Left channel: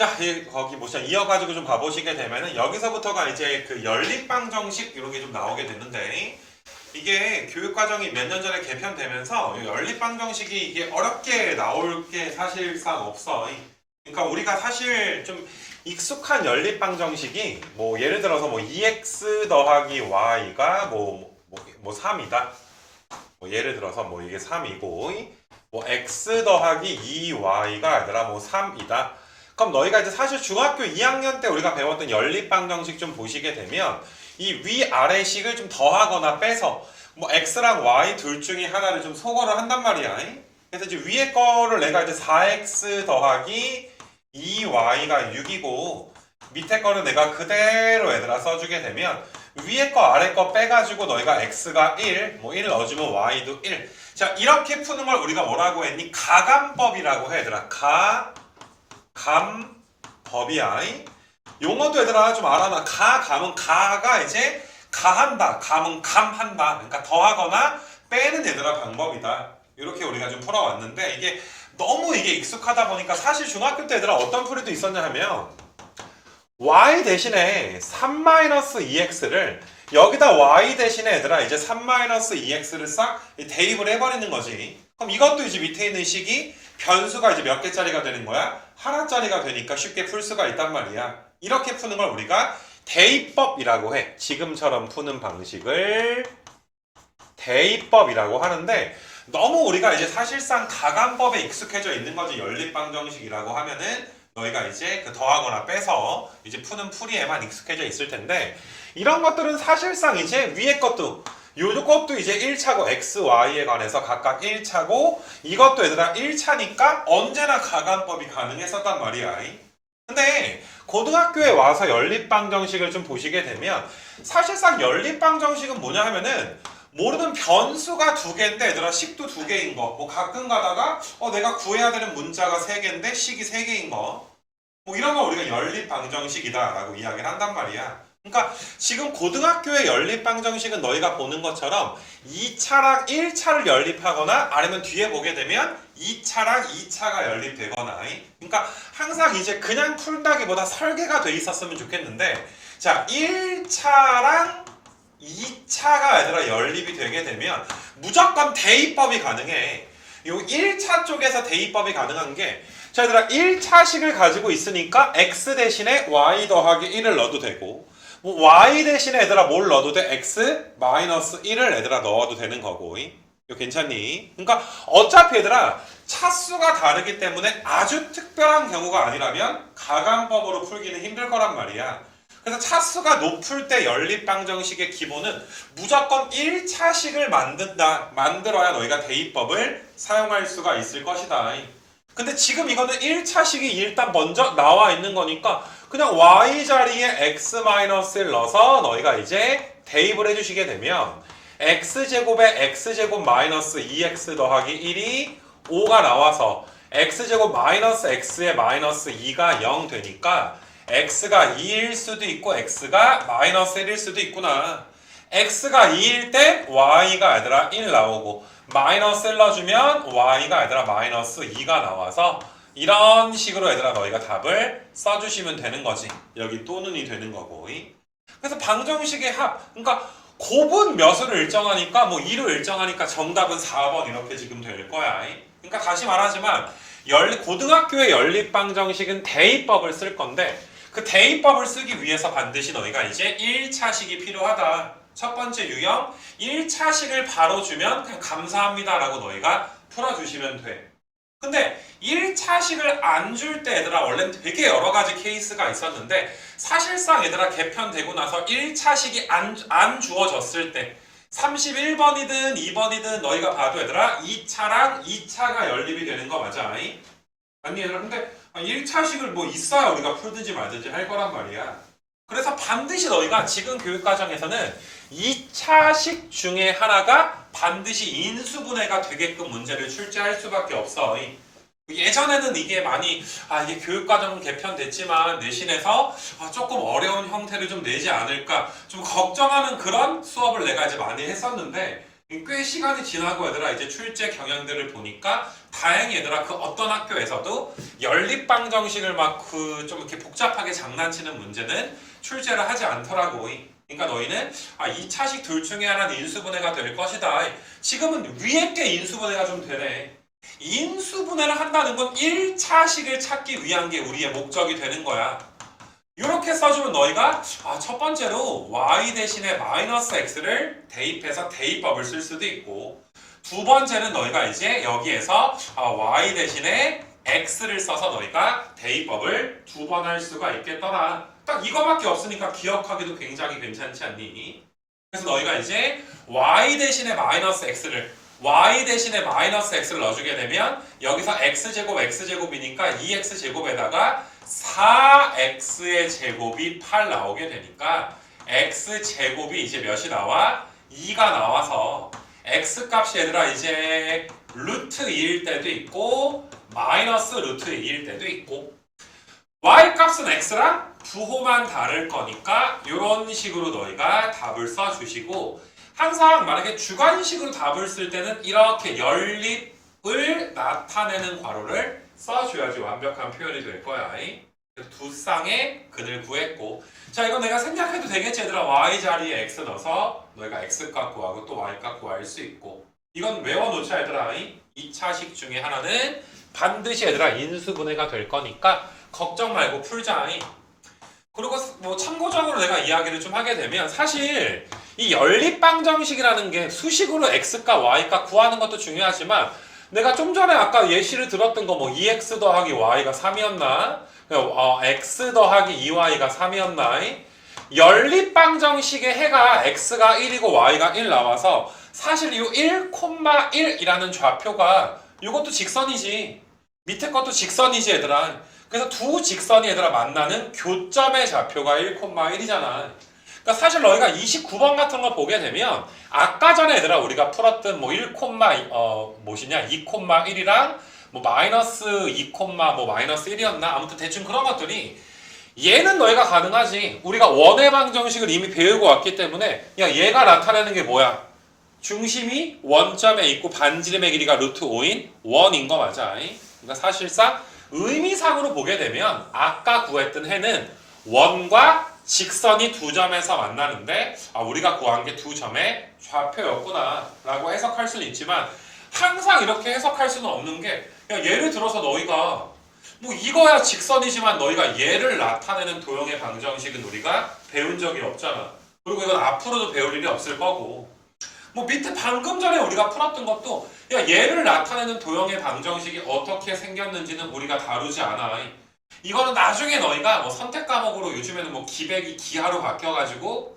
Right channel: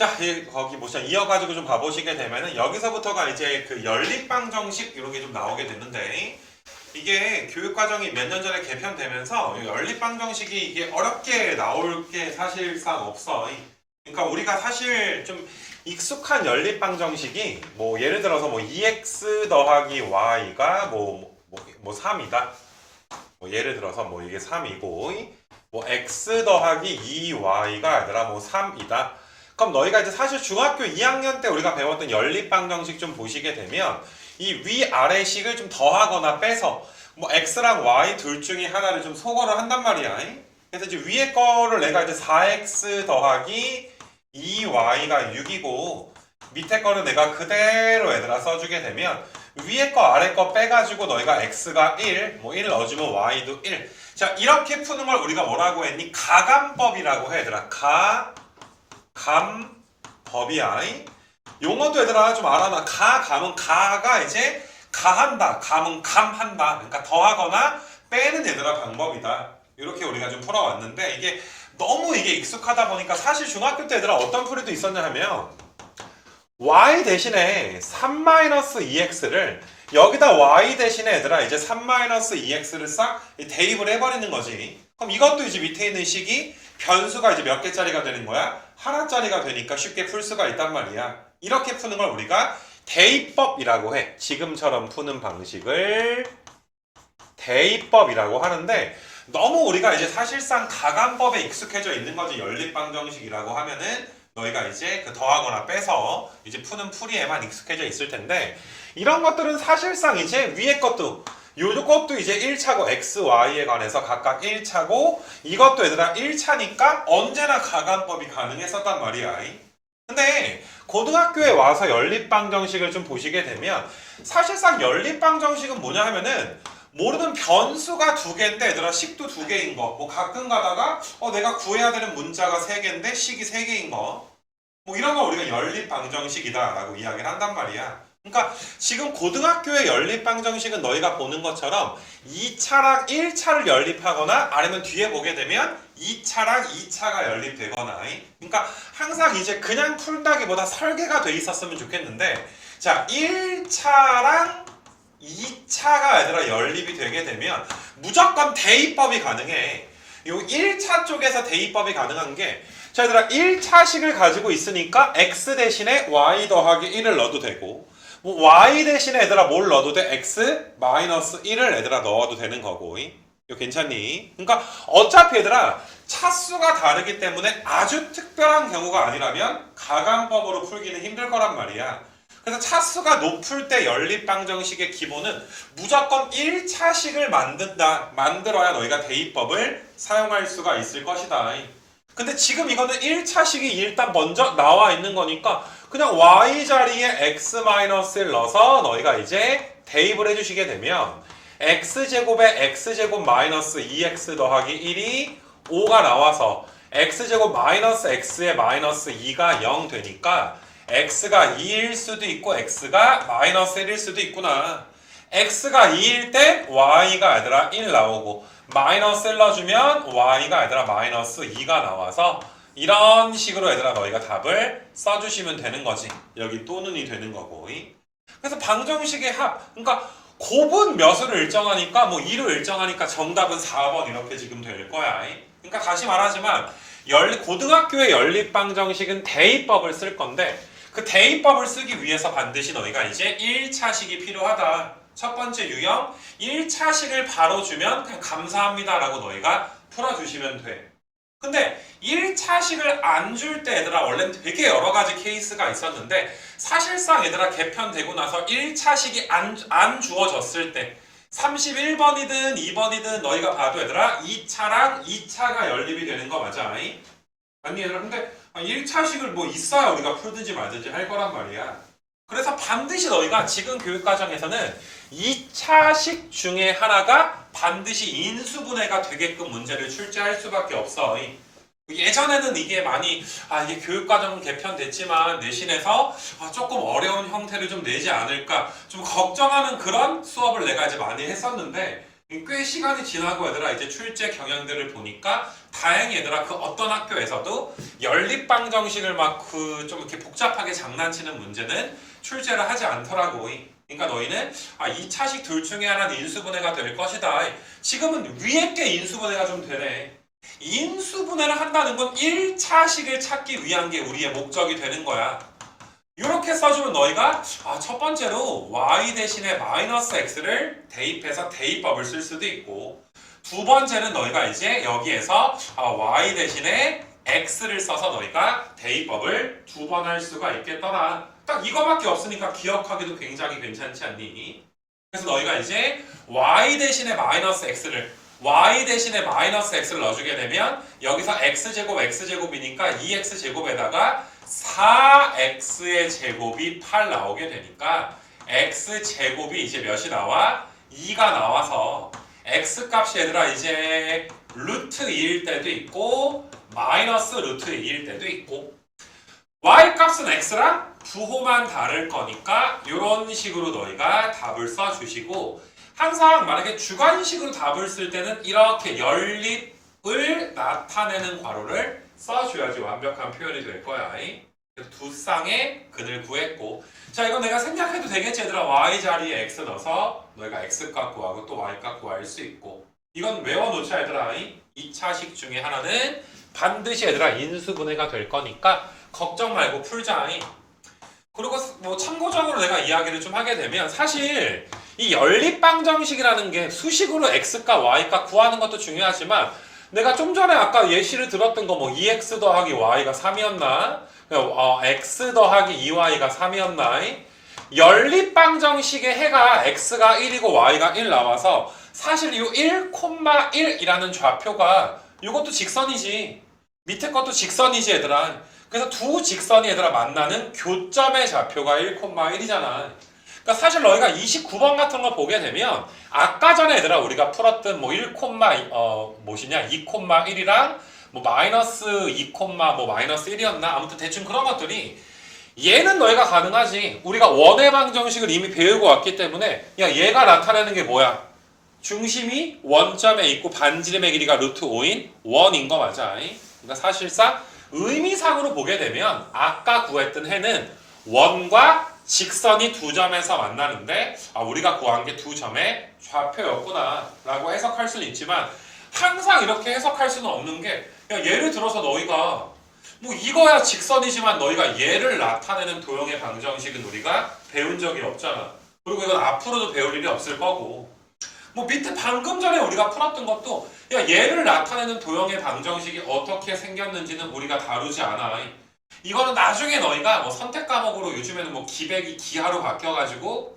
자, 거기 모션 이어가지고 좀 봐보시게 되면은 여기서부터가 이제 그 연립방정식 이런 게 좀 나오게 되는데 이게 교육과정이 몇 년 전에 개편되면서 이 연립방정식이 이게 어렵게 나올 게 사실상 없어. 그러니까 우리가 사실 좀 익숙한 연립방정식이 뭐 예를 들어서 뭐 2x 더하기 y가 뭐 3이다. 뭐 예를 들어서 뭐 이게 3이고 뭐 x 더하기 2y가 아니라 뭐 3이다. 그럼 너희가 이제 사실 중학교 2학년 때 우리가 배웠던 연립방정식 좀 보시게 되면 이 위아래 식을 좀 더하거나 빼서 뭐 x랑 y 둘 중에 하나를 좀 소거를 한단 말이야. 그래서 이제 위에 거를 내가 이제 4x 더하기 2y가 6이고 밑에 거는 내가 그대로 얘들아 써주게 되면 위에 거 아래 거 빼가지고 너희가 x가 1, 뭐 1 넣어주면 y도 1. 자, 이렇게 푸는 걸 우리가 뭐라고 했니? 가감법이라고 해 얘들아. 감법이야. 용어도 얘들아 좀 알아놔. 감은 가가 이제 가한다. 감은 감한다. 그러니까 더하거나 빼는 얘들아 방법이다. 이렇게 우리가 좀 풀어왔는데 이게 너무 이게 익숙하다 보니까 사실 중학교 때 얘들아 어떤 풀이도 있었냐 하면 y 대신에 3-2x를 여기다 y 대신에 얘들아 이제 3-2x를 싹 대입을 해버리는 거지. 그럼 이것도 이제 밑에 있는 식이 변수가 이제 몇 개짜리가 되는 거야? 하나짜리가 되니까 쉽게 풀 수가 있단 말이야. 이렇게 푸는 걸 우리가 대입법이라고 해. 지금처럼 푸는 방식을 대입법이라고 하는데 너무 우리가 이제 사실상 가감법에 익숙해져 있는 거지. 연립방정식이라고 하면은 너희가 이제 그 더하거나 빼서 이제 푸는 풀이에만 익숙해져 있을 텐데 이런 것들은 사실상 이제 위에 것도 요것도 이제 1차고 x, y에 관해서 각각 1차고 이것도 얘들아 1차니까 언제나 가감법이 가능했었단 말이야. 근데 고등학교에 와서 연립방정식을 좀 보시게 되면 사실상 연립방정식은 뭐냐 하면은 모르는 변수가 두 개인데 얘들아 식도 두 개인 거. 뭐 가끔 가다가 내가 구해야 되는 문자가 세 개인데 식이 세 개인 거. 뭐 이런 거 우리가 연립방정식이다라고 이야기를 한단 말이야. 그러니까 지금 고등학교의 연립방정식은 너희가 보는 것처럼 2차랑 1차를 연립하거나 아니면 뒤에 보게 되면 2차랑 2차가 연립되거나 그러니까 항상 이제 그냥 푼다기보다 설계가 돼 있었으면 좋겠는데 자 1차랑 2차가 얘들아 연립이 되게 되면 무조건 대입법이 가능해. 요 1차 쪽에서 대입법이 가능한 게 자 얘들아 1차식을 가지고 있으니까 x 대신에 y 더하기 1을 넣어도 되고 뭐 y 대신에 얘들아 뭘 넣어도 돼? x 마이너스 1을 얘들아 넣어도 되는 거고 이거 괜찮니? 그러니까 어차피 얘들아 차수가 다르기 때문에 아주 특별한 경우가 아니라면 가감법으로 풀기는 힘들 거란 말이야. 그래서 차수가 높을 때 연립방정식의 기본은 무조건 1차식을 만들어야 너희가 대입법을 사용할 수가 있을 것이다. 근데 지금 이거는 1차식이 일단 먼저 나와 있는 거니까 그냥 y 자리에 x-를 넣어서 너희가 이제 대입을 해주시게 되면 x제곱에 x제곱 마이너스 2x 더하기 1이 5가 나와서 x제곱 마이너스 x에 마이너스 2가 0 되니까 x가 2일 수도 있고 x가 마이너스 1일 수도 있구나. x가 2일 때 y가 얘들아 1 나오고 마이너스 1 넣어주면 y가 얘들아 마이너스 2가 나와서 이런 식으로 얘들아 너희가 답을 써주시면 되는 거지. 여기 또는이 되는 거고. 그래서 방정식의 합 그러니까 곱은 몇을 일정하니까 뭐 2로 일정하니까 정답은 4번 이렇게 지금 될 거야. 그러니까 다시 말하지만 고등학교의 연립방정식은 대입법을 쓸 건데 그 대입법을 쓰기 위해서 반드시 너희가 이제 1차식이 필요하다. 첫 번째 유형 1차식을 바로 주면 그냥 감사합니다 라고 너희가 풀어주시면 돼. 근데 1차식을 안 줄 때 얘들아 원래는 되게 여러 가지 케이스가 있었는데 사실상 얘들아 개편되고 나서 1차식이 안 주어졌을 때 31번이든 2번이든 너희가 봐도 얘들아 2차랑 2차가 연립이 되는 거 맞아? 아니 얘들아 근데 1차식을 뭐 있어야 우리가 풀든지 말든지 할 거란 말이야. 그래서 반드시 너희가 지금 교육과정에서는 2차식 중에 하나가 반드시 인수분해가 되게끔 문제를 출제할 수밖에 없어. 예전에는 이게 많이 이게 교육과정은 개편됐지만 내신에서 조금 어려운 형태를 좀 내지 않을까 좀 걱정하는 그런 수업을 내가 이제 많이 했었는데 꽤 시간이 지나고 얘들아 이제 출제 경향들을 보니까 다행히 얘들아 그 어떤 학교에서도 연립방정식을 막 그 좀 이렇게 복잡하게 장난치는 문제는 출제를 하지 않더라고. 그러니까 너희는 2차식 둘 중에 하나는 인수분해가 될 것이다. 지금은 위에 게 인수분해가 좀 되네. 인수분해를 한다는 건 1차식을 찾기 위한 게 우리의 목적이 되는 거야. 이렇게 써주면 너희가 첫 번째로 y 대신에 마이너스 x를 대입해서 대입법을 쓸 수도 있고, 두 번째는 너희가 이제 여기에서 y 대신에 x를 써서 너희가 대입법을 두 번 할 수가 있겠더라. 딱 이거밖에 없으니까 기억하기도 굉장히 괜찮지 않니? 그래서 너희가 이제 y 대신에 마이너스 x를 넣어주게 되면 여기서 x제곱이니까 2x제곱에다가 4x의 제곱이 8 나오게 되니까 x제곱이 이제 몇이 나와? 2가 나와서 x값이 얘들아 이제 루트 2일 때도 있고 마이너스 루트 2일 때도 있고, y값은 x랑 부호만 다를 거니까 이런 식으로 너희가 답을 써주시고, 항상 만약에 주관식으로 답을 쓸 때는 이렇게 연립을 나타내는 괄호를 써줘야지 완벽한 표현이 될 거야. 두 쌍의 근을 구했고, 자 이거 내가 생략해도 되겠지 얘들아. y 자리에 x 넣어서 너희가 x값 구하고 또 y값 구할 수 있고, 이건 외워놓자 얘들아. 2차식 중에 하나는 반드시 얘들아 인수분해가 될 거니까 걱정 말고 풀자. 그리고 뭐 참고적으로 내가 이야기를 좀 하게 되면 사실 이 연립방정식이라는 게 수식으로 x값 y값 구하는 것도 중요하지만, 내가 좀 전에 아까 예시를 들었던 거 뭐 2x 더하기 y가 3이었나? x 더하기 2y가 3이었나? 연립방정식의 해가 x가 1이고 y가 1 나와서 사실 이 1,1이라는 좌표가 이것도 직선이지. 밑에 것도 직선이지 얘들아. 그래서 두 직선이 얘들아 만나는 교점의 좌표가 1,1이잖아. 그러니까 사실 너희가 29번 같은 거 보게 되면 아까 전에 얘들아 우리가 풀었던 뭐 2,1이랑 뭐 마이너스 2, 뭐 마이너스 1이었나? 아무튼 대충 그런 것들이 얘는 너희가 가능하지. 우리가 원의 방정식을 이미 배우고 왔기 때문에 야 얘가 나타내는 게 뭐야? 중심이 원점에 있고 반지름의 길이가 루트 5인 원인 거 맞아. 그러니까 사실상 의미상으로 보게 되면 아까 구했던 해는 원과 직선이 두 점에서 만나는데 우리가 구한 게 두 점의 좌표였구나 라고 해석할 수는 있지만, 항상 이렇게 해석할 수는 없는 게, 야, 예를 들어서 너희가 뭐 이거야 직선이지만 너희가 얘를 나타내는 도형의 방정식은 우리가 배운 적이 없잖아. 그리고 이건 앞으로도 배울 일이 없을 거고, 뭐 밑에 방금 전에 우리가 풀었던 것도 야 얘를 나타내는 도형의 방정식이 어떻게 생겼는지는 우리가 다루지 않아. 이거는 나중에 너희가 뭐 선택 과목으로 요즘에는 뭐 기백이 기하로 바뀌어가지고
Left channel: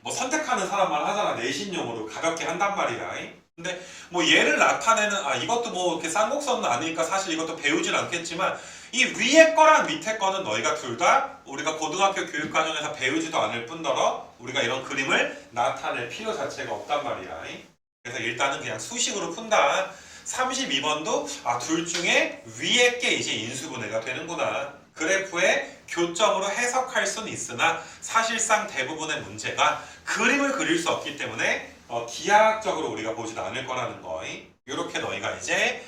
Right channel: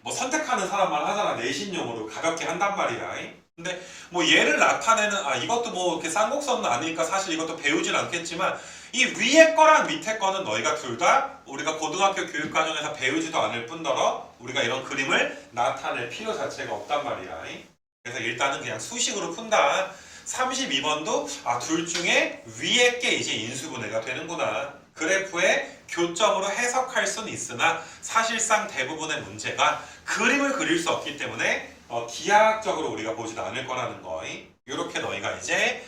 뭐 선택하는 사람만 하잖아. 내신용으로 가볍게 한단 말이야. 근데 뭐 얘를 나타내는 이것도 뭐 이렇게 쌍곡선은 아니니까 사실 이것도 배우진 않겠지만, 이 위에 거랑 밑에 거는 너희가 둘 다 우리가 고등학교 교육과정에서 배우지도 않을 뿐더러 우리가 이런 그림을 나타낼 필요 자체가 없단 말이야. 그래서 일단은 그냥 수식으로 푼다. 32번도 둘 중에 위에 게 이제 인수분해가 되는구나. 그래프의 교점으로 해석할 수는 있으나 사실상 대부분의 문제가 그림을 그릴 수 없기 때문에 기하학적으로 우리가 보지도 않을 거라는 거. 이렇게 너희가 이제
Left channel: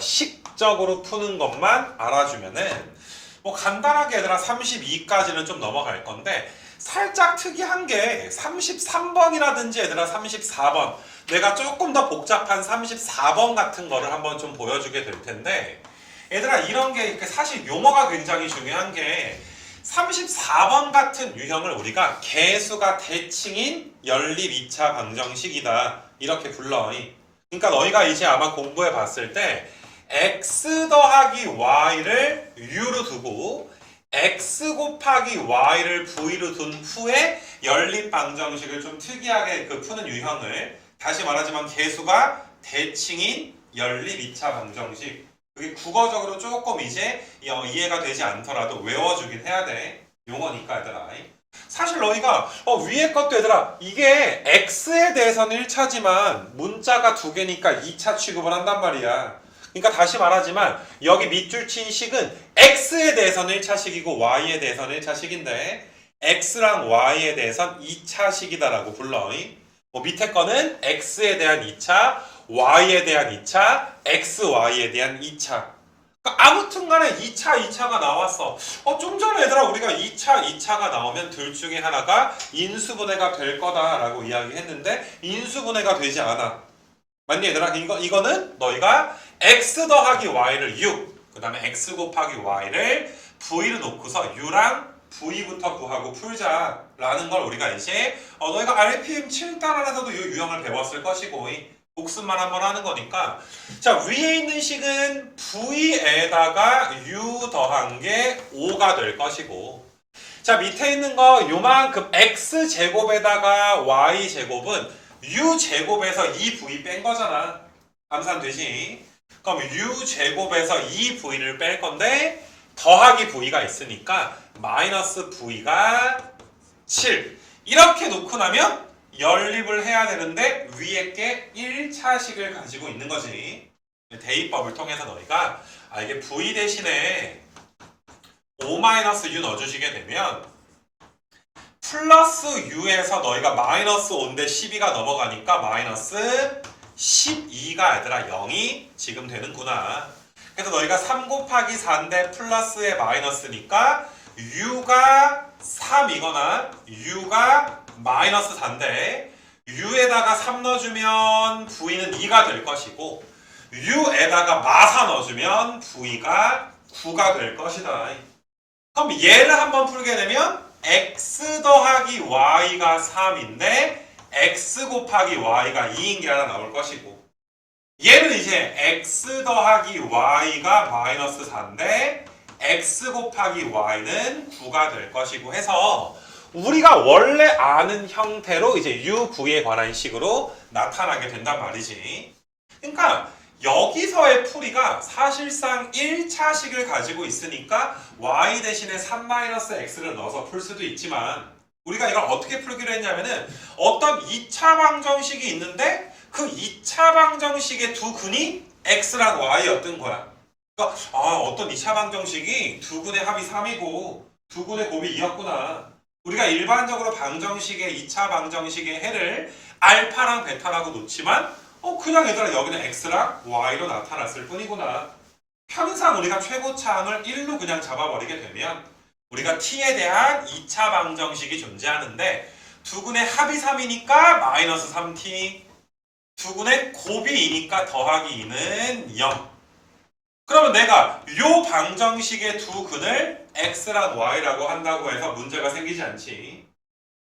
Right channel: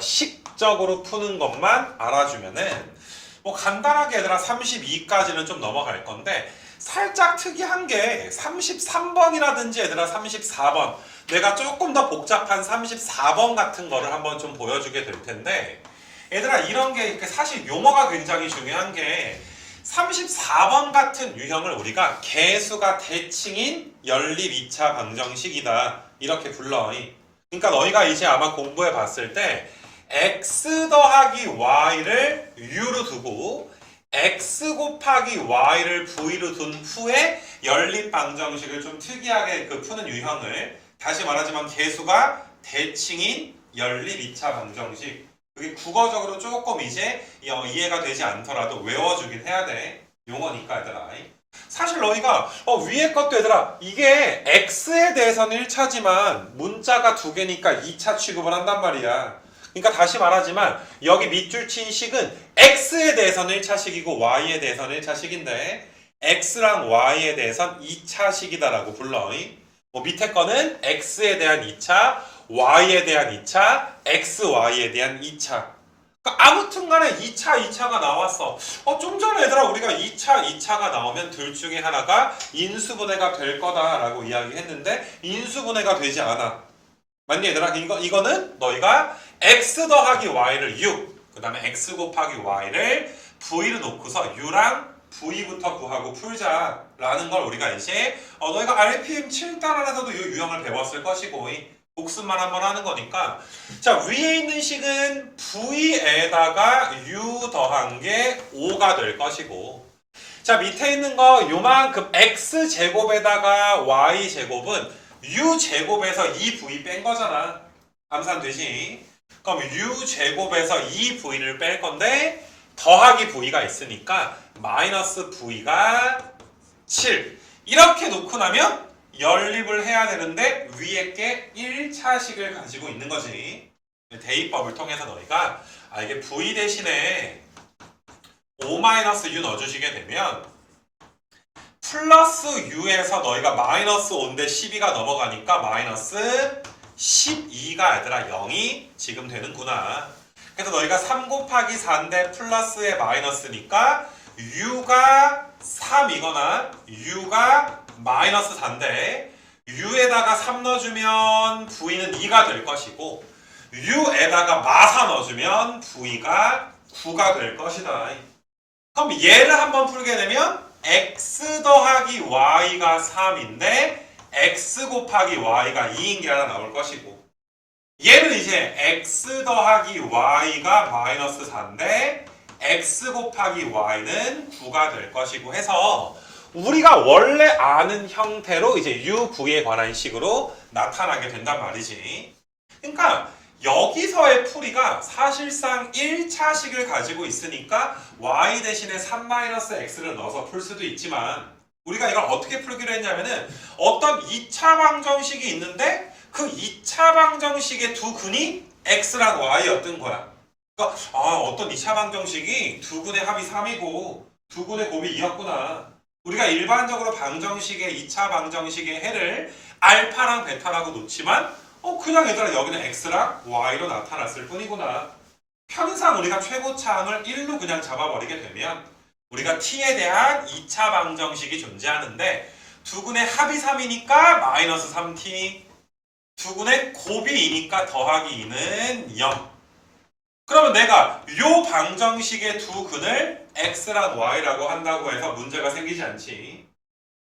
식적으로 푸는 것만 알아주면은 뭐 간단하게 얘들아 32까지는 좀 넘어갈 건데, 살짝 특이한 게 33번이라든지 얘들아 34번, 내가 조금 더 복잡한 34번 같은 거를 한번 좀 보여주게 될 텐데, 얘들아 이런 게 사실 용어가 굉장히 중요한 게, 34번 같은 유형을 우리가 개수가 대칭인 연립 2차 방정식이다 이렇게 불러. 그러니까 너희가 이제 아마 공부해 봤을 때 x 더하기 y를 u로 두고 x 곱하기 y를 v로 둔 후에 연립 방정식을 좀 특이하게 푸는 유형을, 다시 말하자면 개수가 대칭인 연립 2차 방정식, 그게 국어적으로 조금 이제 이해가 되지 않더라도 외워주긴 해야 돼. 용어니까 얘들아. 사실 너희가 위에 것도 얘들아 이게 x에 대해서는 1차지만 문자가 두 개니까 2차 취급을 한단 말이야. 그러니까 다시 말하지만 여기 밑줄 친 식은 x에 대해서는 1차식이고 y에 대해서는 1차식인데 x랑 y에 대해서는 2차식이다라고 불러. 뭐 밑에 거는 x에 대한 2차, y에 대한 2차, xy에 대한 2차. 그러니까 아무튼 간에 2차 나왔어. 좀 전에 얘들아 우리가 2차가 나오면 둘 중에 하나가 인수분해가 될 거다라고 이야기했는데 인수분해가 되지 않아. 맞니 얘들아? 이거는 너희가 x 더하기 y를 6, 그 다음에 x 곱하기 y를 v를 놓고서 u랑 v부터 구하고 풀자라는 걸 우리가 이제 너희가 RPM 7단원에서도 이 유형을 배웠을 것이고 복습만 한번 하는 거니까 자 위에 있는 식은 v에다가 u 더한 게 5가 될 것이고 자 밑에 있는 거 요만큼 x제곱에다가 y제곱은 u제곱에서 2v 뺀 거잖아. 암산되지? 그럼 u제곱에서 2v를 뺄 건데 더하기 v가 있으니까 마이너스 v가 7 이렇게 놓고 나면 연립을 해야 되는데 위에 게 1차식을 가지고 있는 거지. 대입법을 통해서 너희가 이게 v 대신에 5-u 넣어주시게 되면 플러스 u에서 너희가 마이너스 5인데 12가 넘어가니까 마이너스 12가 얘들아 0이 지금 되는구나. 그래서 너희가 3 곱하기 4인데 플러스에 마이너스니까 u가 3이거나 u가 마이너스 4인데 u에다가 3 넣어주면 v는 2가 될 것이고 u에다가 마사 넣어주면 v가 9가 될 것이다. 그럼 얘를 한번 풀게 되면 x 더하기 y가 3인데 x 곱하기 y가 2인 게 하나 나올 것이고 얘는 이제 x 더하기 y가 마이너스 4인데 x 곱하기 y는 9가 될 것이고 해서 우리가 원래 아는 형태로 이제 u9에 관한 식으로 나타나게 된단 말이지. 그러니까 여기서의 풀이가 사실상 1차식을 가지고 있으니까 y 대신에 3-x를 넣어서 풀 수도 있지만 우리가 이걸 어떻게 풀기로 했냐면은 어떤 2차 방정식이 있는데 그 2차 방정식의 두 근이 x랑 y였던 거야. 그러니까 어떤 2차 방정식이 두 근의 합이 3이고 두 근의 곱이 2였구나. 우리가 일반적으로 방정식의 2차 방정식의 해를 알파랑 베타라고 놓지만 그냥 얘들아 여기는 x랑 y로 나타났을 뿐이구나. 편상 우리가 최고차항을 1로 그냥 잡아버리게 되면 우리가 t에 대한 2차 방정식이 존재하는데 두근의 합이 3이니까 마이너스 3t 두근의 곱이 2니까 더하기 2는 0. 그러면 내가 요 방정식의 두 근을 x랑 y라고 한다고 해서 문제가 생기지 않지.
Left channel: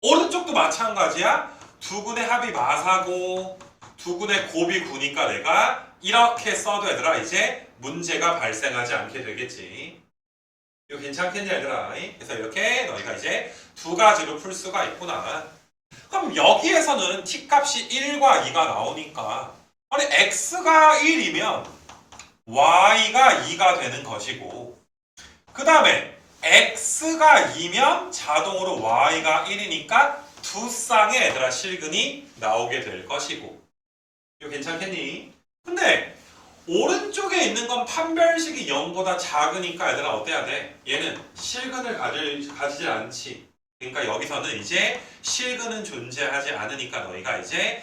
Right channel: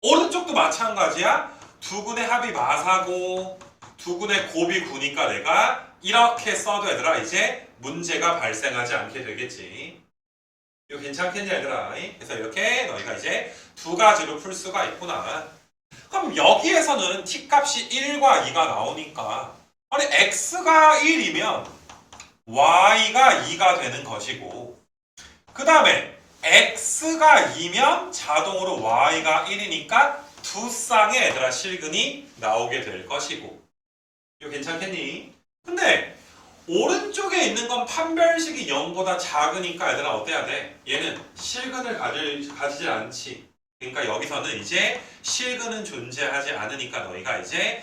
오른쪽도 마찬가지야. 두 근의 합이 마사고 두 근의 곱이 9니까 내가 이렇게 써도 얘들아 이제 문제가 발생하지 않게 되겠지. 이거 괜찮겠냐 얘들아? 그래서 이렇게 너희가 이제 두 가지로 풀 수가 있구나. 그럼 여기에서는 t값이 1과 2가 나오니까 아니 x가 1이면 y가 2가 되는 것이고 그 다음에 x가 2면 자동으로 y가 1이니까 두 쌍의 얘들아 실근이 나오게 될 것이고 이거 괜찮겠니? 근데 오른쪽에 있는 건 판별식이 0보다 작으니까 얘들아 어때야 돼? 얘는 실근을 가지지 않지. 그러니까 여기서는 이제 실근은 존재하지 않으니까 너희가 이제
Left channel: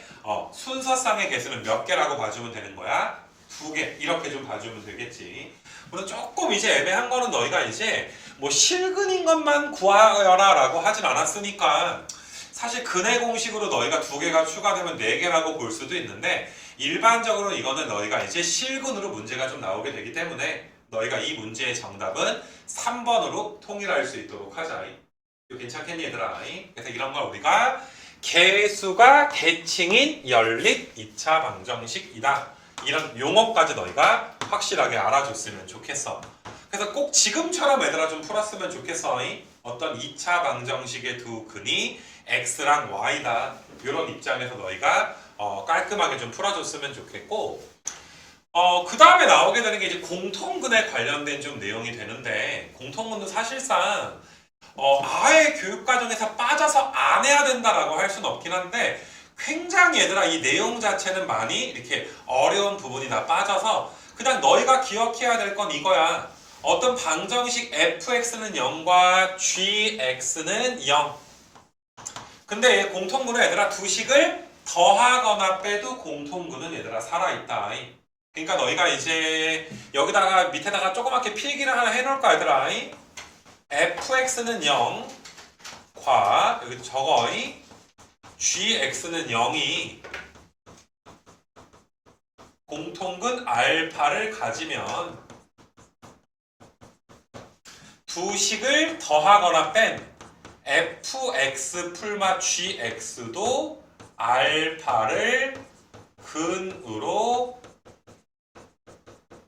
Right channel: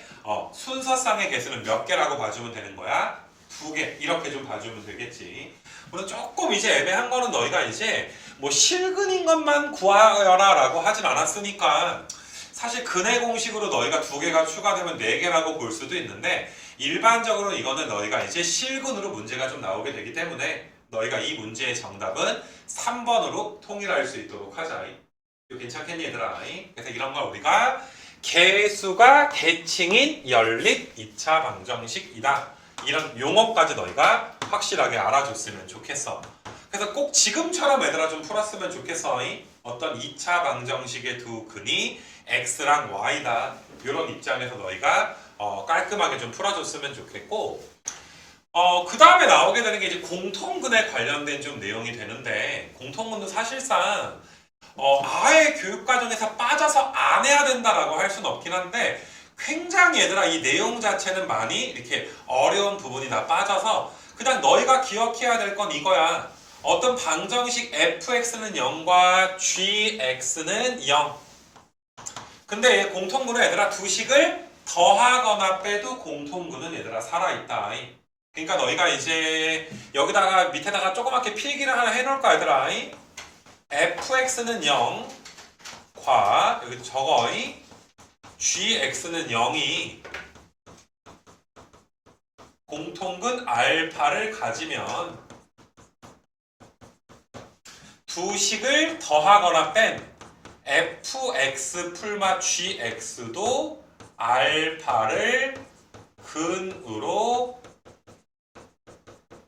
순서쌍의 개수는 몇 개라고 봐주면 되는 거야? 2개 이렇게 좀 봐주면 되겠지. 물론 조금 이제 애매한 거는 너희가 이제 뭐 실근인 것만 구하여라 라고 하진 않았으니까 사실 근의 공식으로 너희가 2개가 추가되면 4개라고 볼 수도 있는데 일반적으로 이거는 너희가 이제 실근으로 문제가 좀 나오게 되기 때문에 너희가 이 문제의 정답은 3번으로 통일할 수 있도록 하자. 이거 괜찮겠니 얘들아? 그래서 이런 걸 우리가 개수가 계층인 연립 2차 방정식이다. 이런 용어까지 너희가 확실하게 알아줬으면 좋겠어. 그래서 꼭 지금처럼 얘들아 좀 풀었으면 좋겠어. 어떤 2차 방정식의 두 근이 x랑 y다. 이런 입장에서 너희가 깔끔하게 좀 풀어줬으면 좋겠고 그 다음에 나오게 되는 게 이제 공통근에 관련된 좀 내용이 되는데 공통근은 사실상 아예 교육과정에서 빠져서 안 해야 된다라고 할 수는 없긴 한데 굉장히 얘들아 이 내용 자체는 많이 이렇게 어려운 부분이 다 빠져서 그냥 너희가 기억해야 될 건 이거야. 어떤 방정식 fx는 0과 gx는 0. 근데 공통근은 얘들아 두 식을 더하거나 빼도 공통근은 얘들아 살아있다. 그러니까 너희가 이제 여기다가 밑에다가 조그맣게 필기를 하나 해놓을까 얘들아. fx는 0, 여기 적어. gx는 0이 공통근 알파를 가지면 두 식을 더하거나 뺀 fx 풀마 gx도 알파를 근으로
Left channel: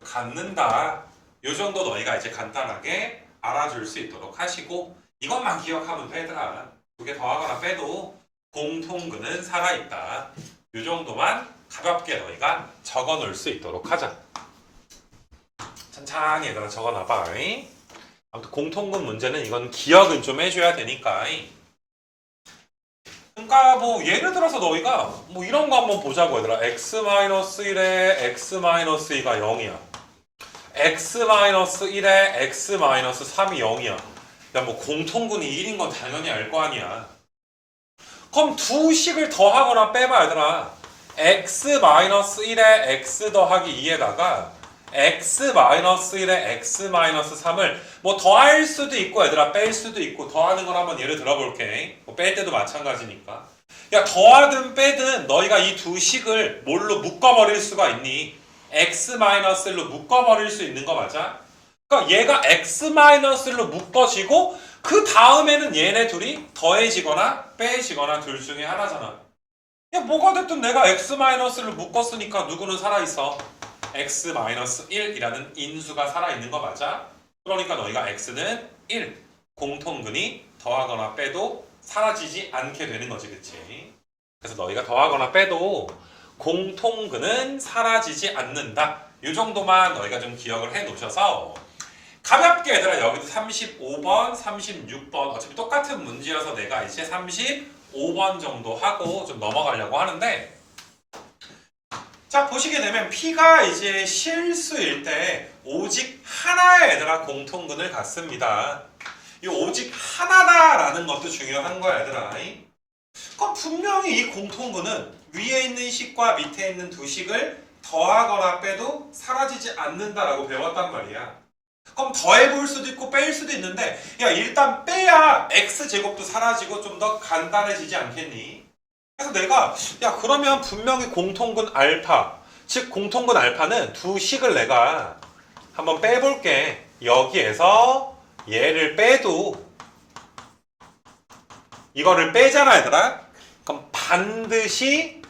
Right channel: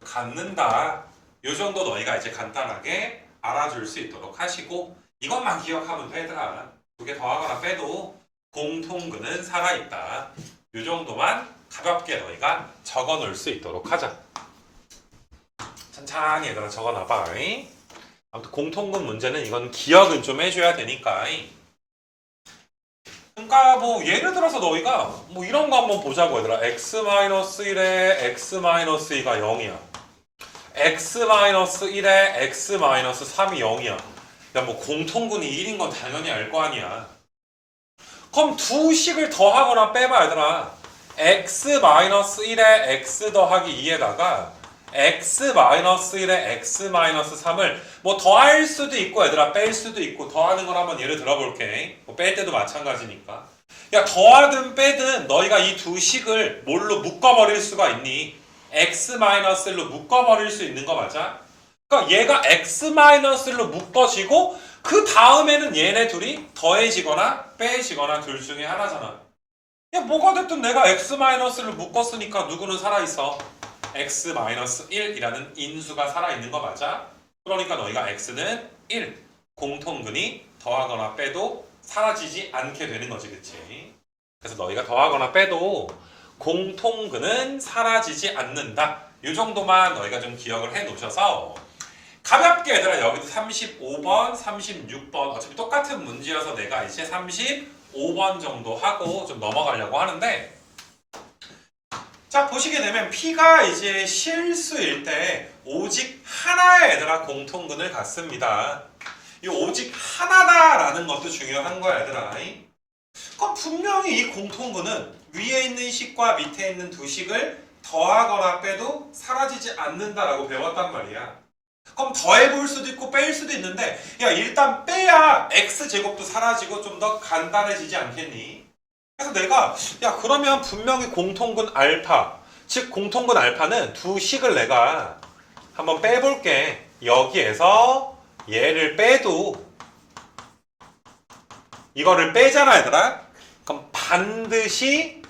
갖는다. 요 정도 너희가 이제 간단하게 알아줄 수 있도록 하시고 이것만 기억하면 되더라. 두 개 더하거나 빼도 공통근은 살아있다. 요 정도만 가볍게 너희가 적어 놓을 수 있도록 하자. 천천히 얘들아 적어 놔봐. 아무튼 공통근 문제는 이건 기억은 좀 해줘야 되니까. 그러니까 뭐 예를 들어서 너희가 뭐 이런 거 한번 보자고 얘들아. x-1에 x-2가 0이야. x-1에 x-3이 0이야. 야 뭐 공통근이 1인 건 당연히 알 거 아니야. 그럼 두 식을 더하거나 빼봐 얘들아. x-1에 x 더하기 2에다가 x-1에 x-3을 뭐 더할 수도 있고 얘들아 뺄 수도 있고. 더하는 걸 한번 예를 들어볼게. 뭐 뺄 때도 마찬가지니까. 야 더하든 빼든 너희가 이 두 식을 뭘로 묶어버릴 수가 있니? x-1로 묶어버릴 수 있는 거 맞아? 그러니까 얘가 x-1로 묶어지고 그 다음에는 얘네 둘이 더해지거나 빼지거나 둘 중에 하나잖아. 야 뭐가 됐든 내가 x-를 묶었으니까 누구는 살아있어? x-1이라는 인수가 살아있는 거 맞아? 그러니까 너희가 x는 1, 공통근이 더하거나 빼도 사라지지 않게 되는 거지, 그치? 그래서 너희가 더하거나 빼도 공통근은 사라지지 않는다. 이 정도만 너희가 좀 기억을 해 놓으셔서 가볍게 얘들아 여기도 35번, 36번 어차피 똑같은 문제여서 내가 이제 35번 정도 하고 좀 넘어가려고 하는데, 자 보시게 되면 P가 이제 실수일 때 오직 하나의 얘들아 공통근을 갖습니다. 이 오직 하나다라는 것도 중요한 거야 얘들아. 그럼 분명히 이 공통근은 위에 있는 식과 밑에 있는 두 식을 더하거나 빼도 사라지지 않는다라고 배웠단 말이야. 그럼 더해볼 수도 있고 뺄 수도 있는데 야 일단 빼야 x제곱도 사라지고 좀 더 간단해지지 않겠니? 그래서 내가 야 그러면 분명히 공통근 알파, 즉 공통근 알파는 두 식을 내가 한번 빼볼게. 여기에서 얘를 빼도 이거를 빼잖아 얘들아. 그럼 반드시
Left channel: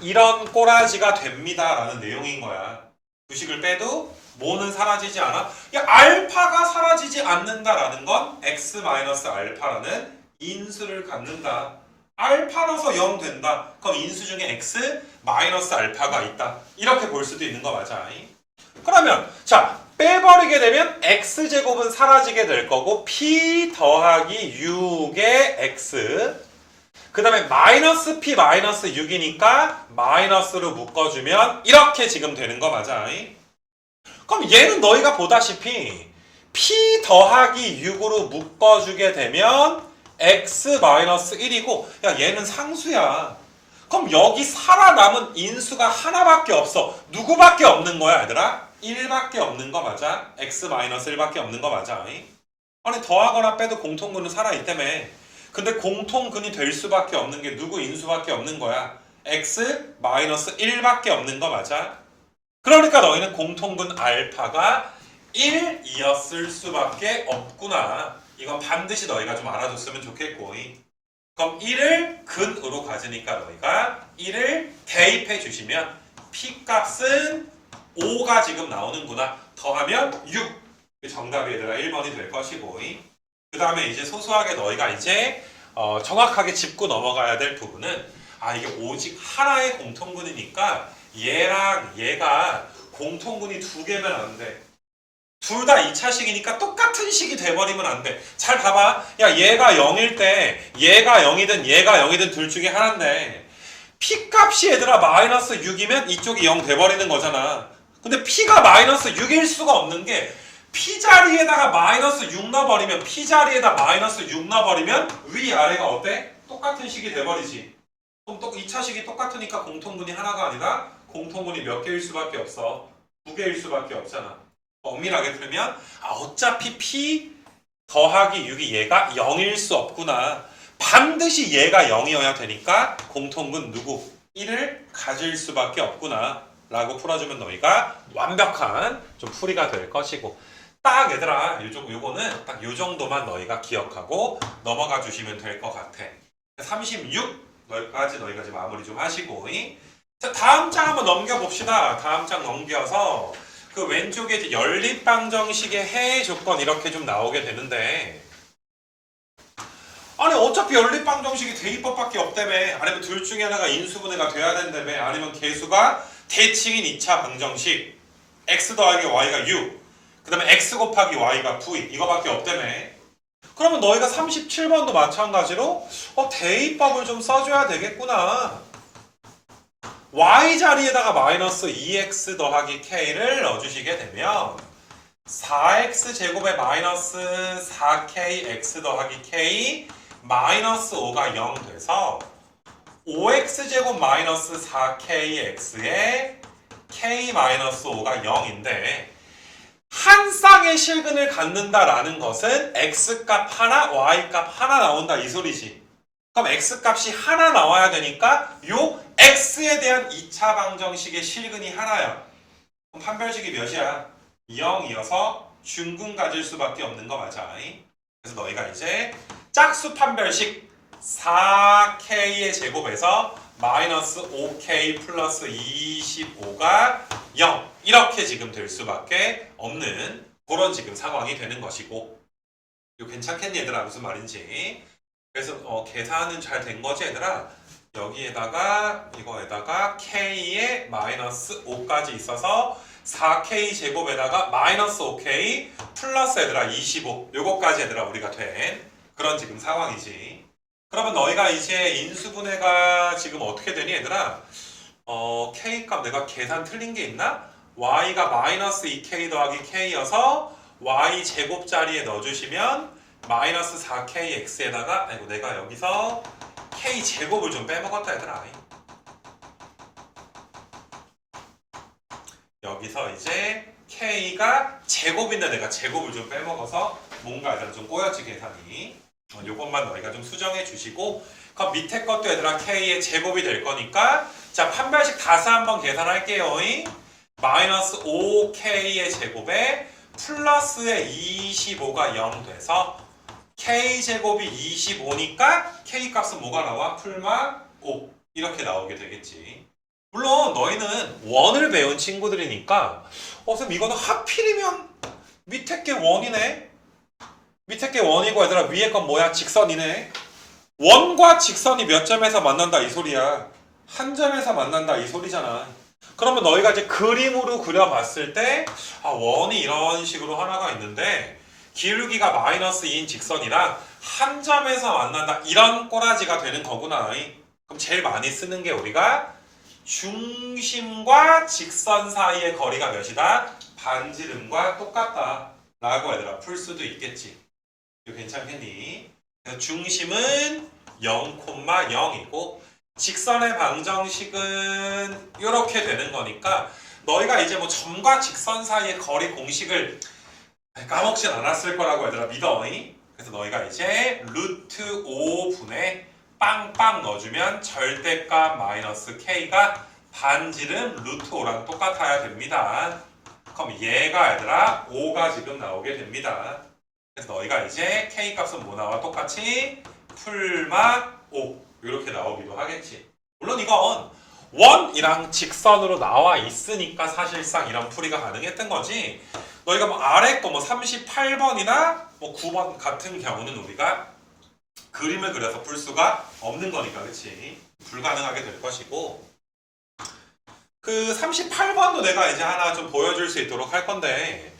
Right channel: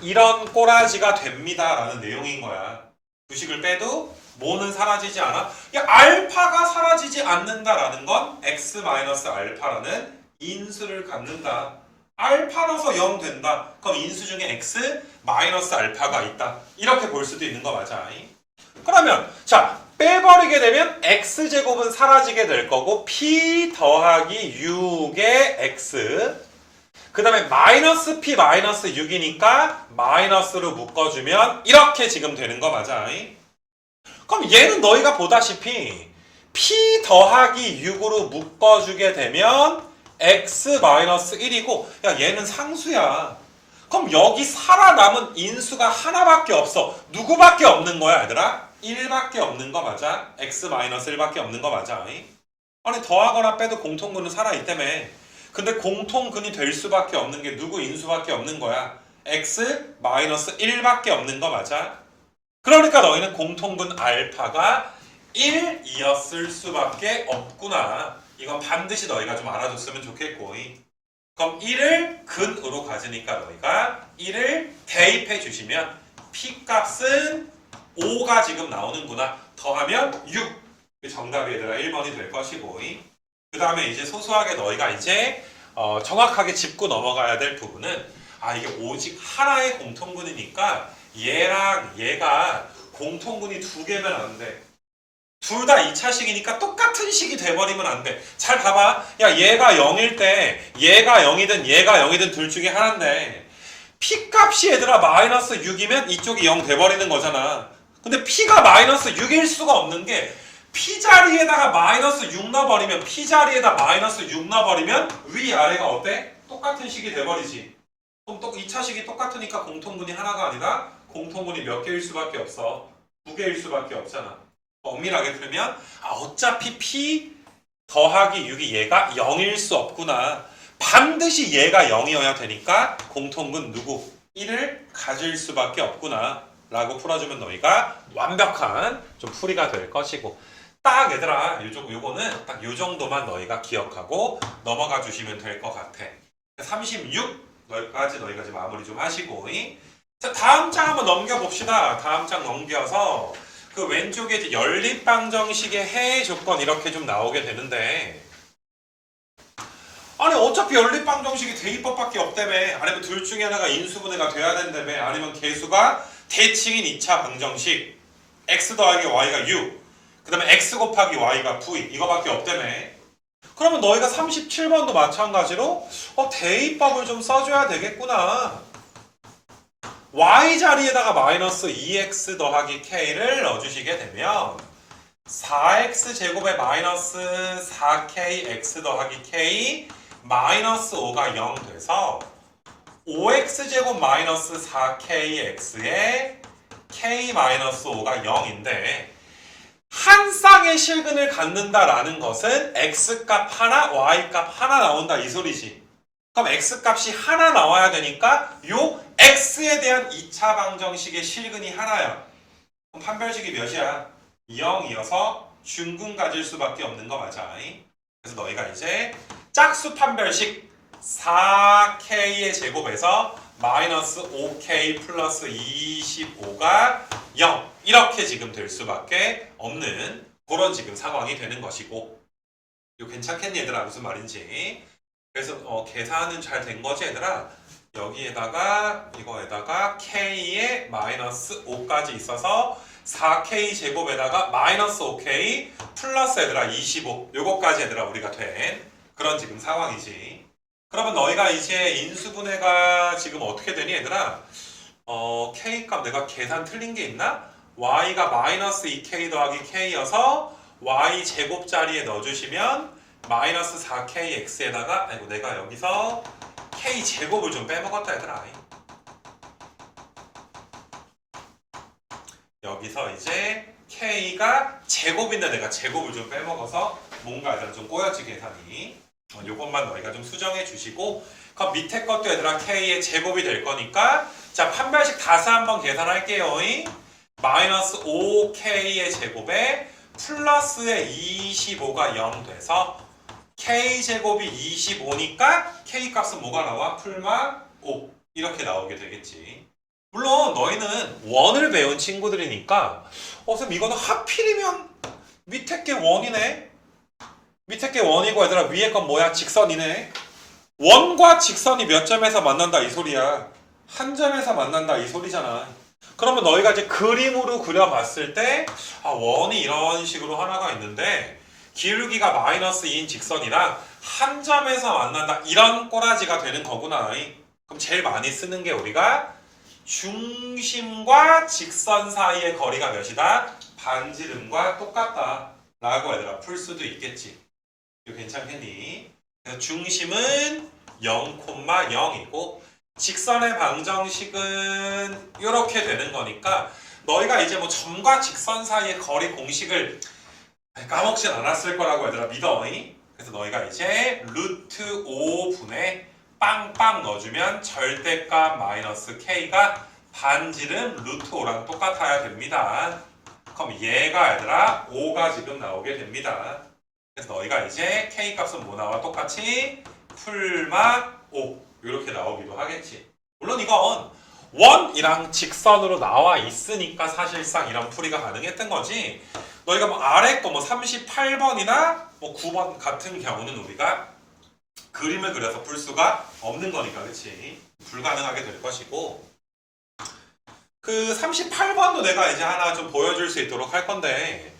이런 꼬라지가 됩니다 라는 내용인 거야. 두 식을 빼도 뭐는 사라지지 않아? 야, 알파가 사라지지 않는다라는 건 x-알파라는 인수를 갖는다. 알파라서 0 된다. 그럼 인수 중에 x-알파가 있다. 이렇게 볼 수도 있는 거 맞아. 그러면 자 빼버리게 되면 x제곱은 사라지게 될 거고 p 더하기 6의 x 그 다음에 마이너스 p 마이너스 6이니까 마이너스로 묶어주면 이렇게 지금 되는 거 맞아. 그럼 얘는 너희가 보다시피 p 더하기 6으로 묶어주게 되면 x-1이고 야 얘는 상수야. 그럼 여기 살아남은 인수가 하나밖에 없어. 누구밖에 없는 거야 얘들아? 1밖에 없는 거 맞아? x-1밖에 없는 거 맞아? 아니 더하거나 빼도 공통근은 살아있다며. 근데 공통근이 될 수밖에 없는 게 누구 인수밖에 없는 거야? x-1밖에 없는 거 맞아? 그러니까 너희는 공통근 알파가 1이었을 수밖에 없구나. 이건 반드시 너희가 좀 알아줬으면 좋겠고. 그럼 1을 근으로 가지니까 너희가 1을 대입해 주시면 P값은 5가 지금 나오는구나. 더하면 6. 정답이 얘들아 1번이 될 것이고. 그 다음에 이제 소소하게 너희가 이제 정확하게 짚고 넘어가야 될 부분은 이게 오직 하나의 공통근이니까 얘랑 얘가 공통근이 두 개면 안 돼. 둘 다 2차식이니까 똑같은 식이 돼버리면 안 돼. 잘 봐봐. 야 얘가 0일 때 얘가 0이든 얘가 0이든 둘 중에 하나인데 P값이 얘들아 마이너스 6이면 이쪽이 0 돼버리는 거잖아. 근데 P가 마이너스 6일 수가 없는 게 P자리에다가 마이너스 6 넣어버리면 P자리에다 마이너스 6 넣어버리면 위아래가 어때? 똑같은 식이 돼버리지. 그럼 또 2차식이 똑같으니까 공통분이 하나가 아니라 공통분이 몇 개일 수밖에 없어? 2개일 수밖에 없잖아. 엄밀하게 풀면 어차피 P 더하기 6이 얘가 0일 수 없구나. 반드시 얘가 0이어야 되니까 공통분 누구? 1을 가질 수밖에 없구나 라고 풀어주면 너희가 완벽한 좀 풀이가 될 것이고, 딱 얘들아 요거는 딱 요 정도만 너희가 기억하고 넘어가 주시면 될 것 같아. 36까지 너희가 지금 마무리 좀 하시고, 자, 다음 장 한번 넘겨봅시다. 다음 장 넘겨서 그 왼쪽에 이제 연립방정식의 해외 조건 이렇게 좀 나오게 되는데, 아니 어차피 연립방정식이 대입법밖에 없다며, 아니면 둘 중에 하나가 인수분해가 돼야 된다며, 아니면 개수가 대칭인 2차 방정식 x 더하기 y가 6, 그 다음에 x 곱하기 y가 9 이거밖에 없다며. 그러면 너희가 37번도 마찬가지로 대입법을 좀 써줘야 되겠구나. y 자리에다가 마이너스 2x 더하기 k를 넣어주시게 되면 4x 제곱에 마이너스 4k x 더하기 k 마이너스 5가 0 돼서 5x 제곱 마이너스 4k x에 k 마이너스 5가 0인데, 한 쌍의 실근을 갖는다라는 것은 x값 하나, y값 하나 나온다 이 소리지. 그럼 x값이 하나 나와야 되니까 요 x에 대한 2차 방정식의 실근이 하나야. 그럼 판별식이 몇이야? 0이어서 중근 가질 수밖에 없는 거 맞아. 그래서 너희가 이제 짝수 판별식 4k의 제곱에서 마이너스 5k 플러스 25가 0 이렇게 지금 될 수밖에 없는 그런 지금 상황이 되는 것이고, 이거 괜찮겠니 얘들아? 무슨 말인지. 그래서 계산은 잘 된 거지 얘들아? 여기에다가 이거에다가 k에 마이너스 5까지 있어서 4k 제곱에다가 마이너스 5k 플러스 얘들아 25 요거까지 얘들아 우리가 된 그런 지금 상황이지. 그러면 너희가 이제 인수분해가 지금 어떻게 되니 얘들아? k값 내가 계산 틀린 게 있나? y가 마이너스 2k 더하기 k여서 y 제곱 자리에 넣어주시면 마이너스 4kx에다가, 아이고 내가 여기서 k 제곱을 좀 빼먹었다 얘들아. 여기서 이제 k가 제곱인데 내가 제곱을 좀 빼먹어서 뭔가 일단 좀 꼬였지 계산이. 요것만 너희가 좀 수정해 주시고, 그럼 밑에 것도 얘들아 k의 제곱이 될 거니까, 자 판별식 다시 한번 계산할게요. 마이너스 5k의 제곱에 플러스의 25가 0 돼서 k제곱이 25니까 k값은 뭐가 나와? 풀마 5 이렇게 나오게 되겠지. 물론 너희는 원을 배운 친구들이니까 선생님 이거는 하필이면 밑에 게 원이네, 밑에 게 원이고 얘들아 위에 건 뭐야? 직선이네. 원과 직선이 몇 점에서 만난다 이 소리야? 한 점에서 만난다 이 소리잖아. 그러면 너희가 이제 그림으로 그려봤을 때 원이 이런 식으로 하나가 있는데 기울기가 마이너스 2인 직선이랑 한 점에서 만난다 이런 꼬라지가 되는 거구나. 그럼 제일 많이 쓰는 게 우리가 중심과 직선 사이의 거리가 몇이다? 반지름과 똑같다 라고 얘들아 풀 수도 있겠지. 이거 괜찮겠니? 그래서 중심은 0,0이고 직선의 방정식은 이렇게 되는 거니까 너희가 이제 뭐 점과 직선 사이의 거리 공식을 까먹진 않았을 거라고 얘들아 믿어. 그래서 너희가 이제 루트 5분의 빵빵 넣어주면 절대값 마이너스 k가 반지름 루트 5랑 똑같아야 됩니다. 그럼 얘가 얘들아 5가 지금 나오게 됩니다. 그래서 너희가 이제 k값은 뭐 나와 똑같이 풀막 5 이렇게 나오기도 하겠지. 물론 이건 원이랑 직선으로 나와 있으니까 사실상 이런 풀이가 가능했던 거지. 너희가 뭐 아래 거 뭐 38번이나 뭐 9번 같은 경우는 우리가 그림을 그려서 풀 수가 없는 거니까, 그렇지? 불가능하게 될 것이고, 그 38번도 내가 이제 하나 좀 보여줄 수 있도록 할 건데,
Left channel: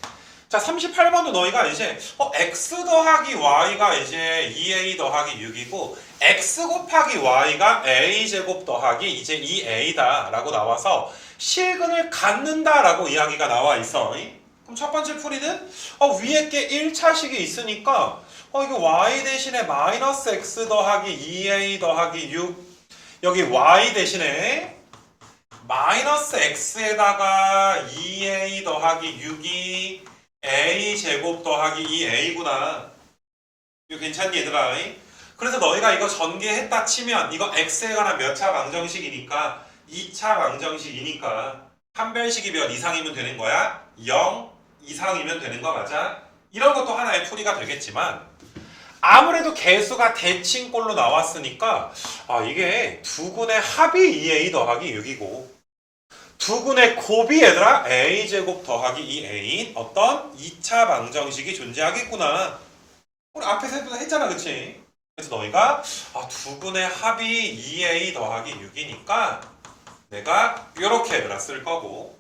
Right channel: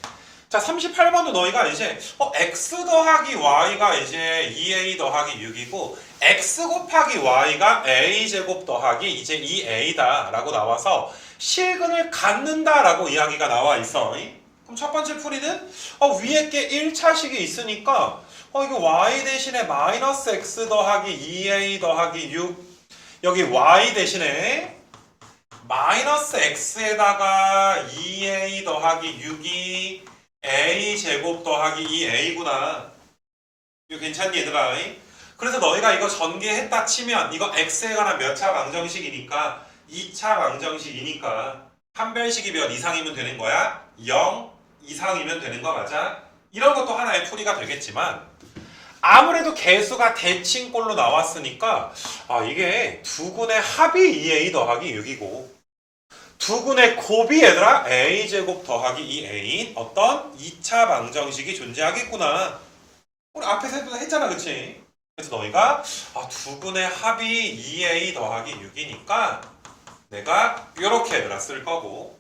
자 38번도 너희가 이제 x 더하기 y가 이제 2a 더하기 6이고 x 곱하기 y가 a제곱 더하기 이제 2a다 라고 나와서 실근을 갖는다 라고 이야기가 나와 있어. 그럼 첫 번째 풀이는 위에 게 1차식이 있으니까 이거 y 대신에 마이너스 x 더하기 2a 더하기 6 여기 y 대신에 마이너스 x에다가 2a 더하기 6이 a 제곱 더하기 2a구나. 이거 괜찮니 얘들아? 그래서 너희가 이거 전개했다 치면 이거 x에 관한 몇 차 방정식이니까 2차 방정식이니까 판별식이 몇 이상이면 되는 거야? 0 이상이면 되는 거 맞아? 이런 것도 하나의 풀이가 되겠지만 아무래도 개수가 대칭꼴로 나왔으니까 이게 두근의 합이 2a 더하기 6이고 두근의 곱이 얘들아 a제곱 더하기 2a 어떤 2차 방정식이 존재하겠구나. 우리 앞에서 했잖아 그치? 그래서 너희가 두근의 합이 2a 더하기 6이니까 내가 이렇게 얘들아 쓸 거고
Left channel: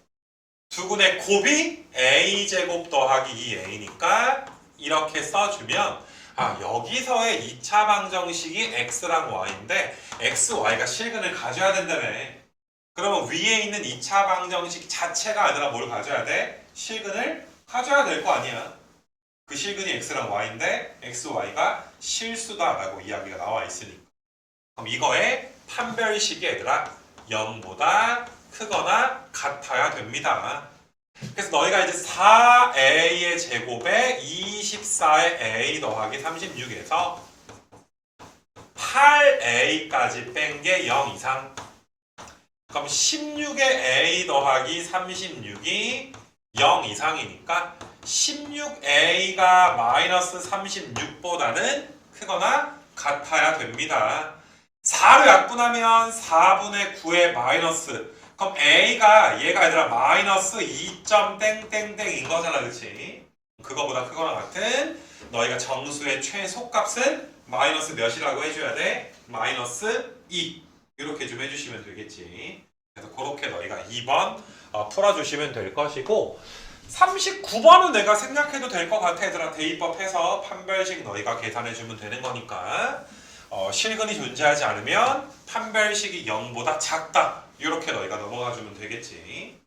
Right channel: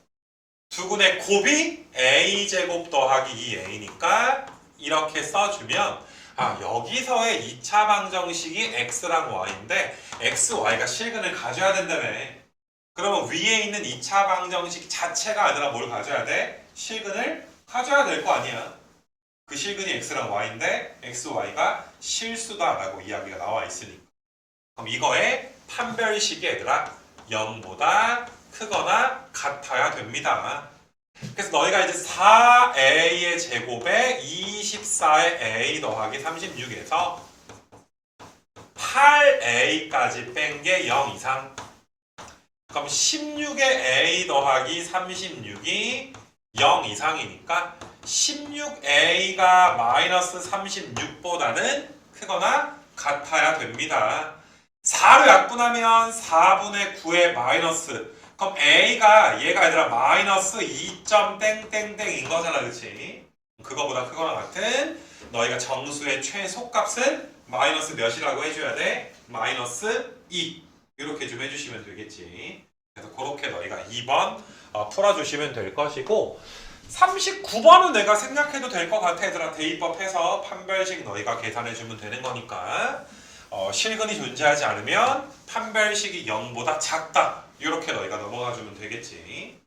두근의 곱이 a제곱 더하기 2a니까 이렇게 써주면 여기서의 2차 방정식이 x랑 y인데 x, y가 실근을 가져야 된다네. 그러면 위에 있는 2차 방정식 자체가 아니라 뭘 가져야 돼? 실근을 가져야 될 거 아니야. 그 실근이 x랑 y인데 x, y가 실수다라고 이야기가 나와 있으니까. 그럼 이거의 판별식이 얘들아 0보다 크거나 같아야 됩니다. 그래서 너희가 이제 4a의 제곱에 24의 a 더하기 36에서 8a까지 뺀 게 0 이상. 그럼 16의 a 더하기 36이 0 이상이니까 16a가 마이너스 36보다는 크거나 같아야 됩니다. 4로 약분하면 4분의 9의 마이너스. 그럼 a가 얘가 얘들아 마이너스 2.땡땡땡인 거잖아 그치? 그거보다 크거나 같은 너희가 정수의 최소값은 마이너스 몇이라고 해줘야 돼? 마이너스 2 이렇게 좀 해주시면 되겠지. 그래서 그렇게 너희가 2번 풀어주시면 될 것이고 39번은 내가 생략해도 될 것 같아 얘들아. 대입법해서 판별식 너희가 계산해주면 되는 거니까 실근이 존재하지 않으면 판별식이 0보다 작다 이렇게 너희가 넘어가주면 되겠지.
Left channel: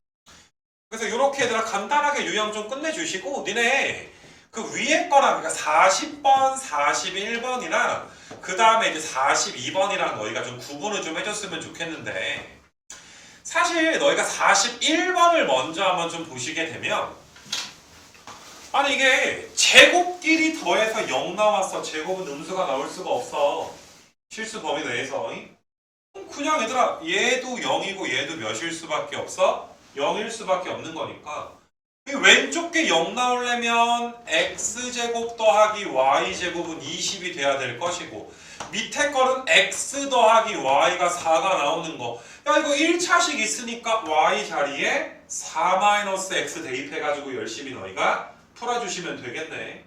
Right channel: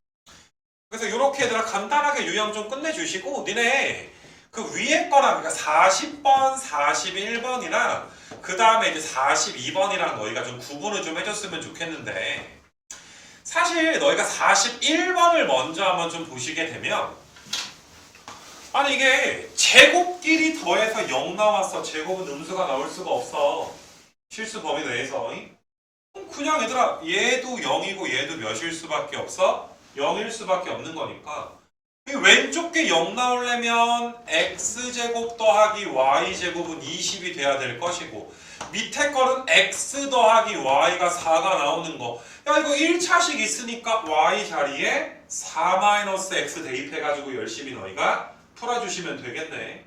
그래서 이렇게 얘들아 간단하게 유형 좀 끝내주시고 니네 그 위에 거랑 그러니까 40번, 41번이나 그 다음에 이제 42번이랑 너희가 좀 구분을 좀 해줬으면 좋겠는데 사실 너희가 41번을 먼저 한번 좀 보시게 되면 아니 이게 제곱끼리 더해서 0 나왔어. 제곱은 음수가 나올 수가 없어. 실수 범위 내에서. 그냥 얘들아 얘도 0이고 얘도 몇일 수밖에 없어? 0일 수밖에 없는 거니까 왼쪽 게 0 나오려면 x제곱 더하기 y제곱은 20이 돼야 될 것이고 밑에 거는 x 더하기 y가 4가 나오는 거. 야 이거 1차식 있으니까 y 자리에 4-x 대입해가지고 열심히 너희가 풀어주시면 되겠네.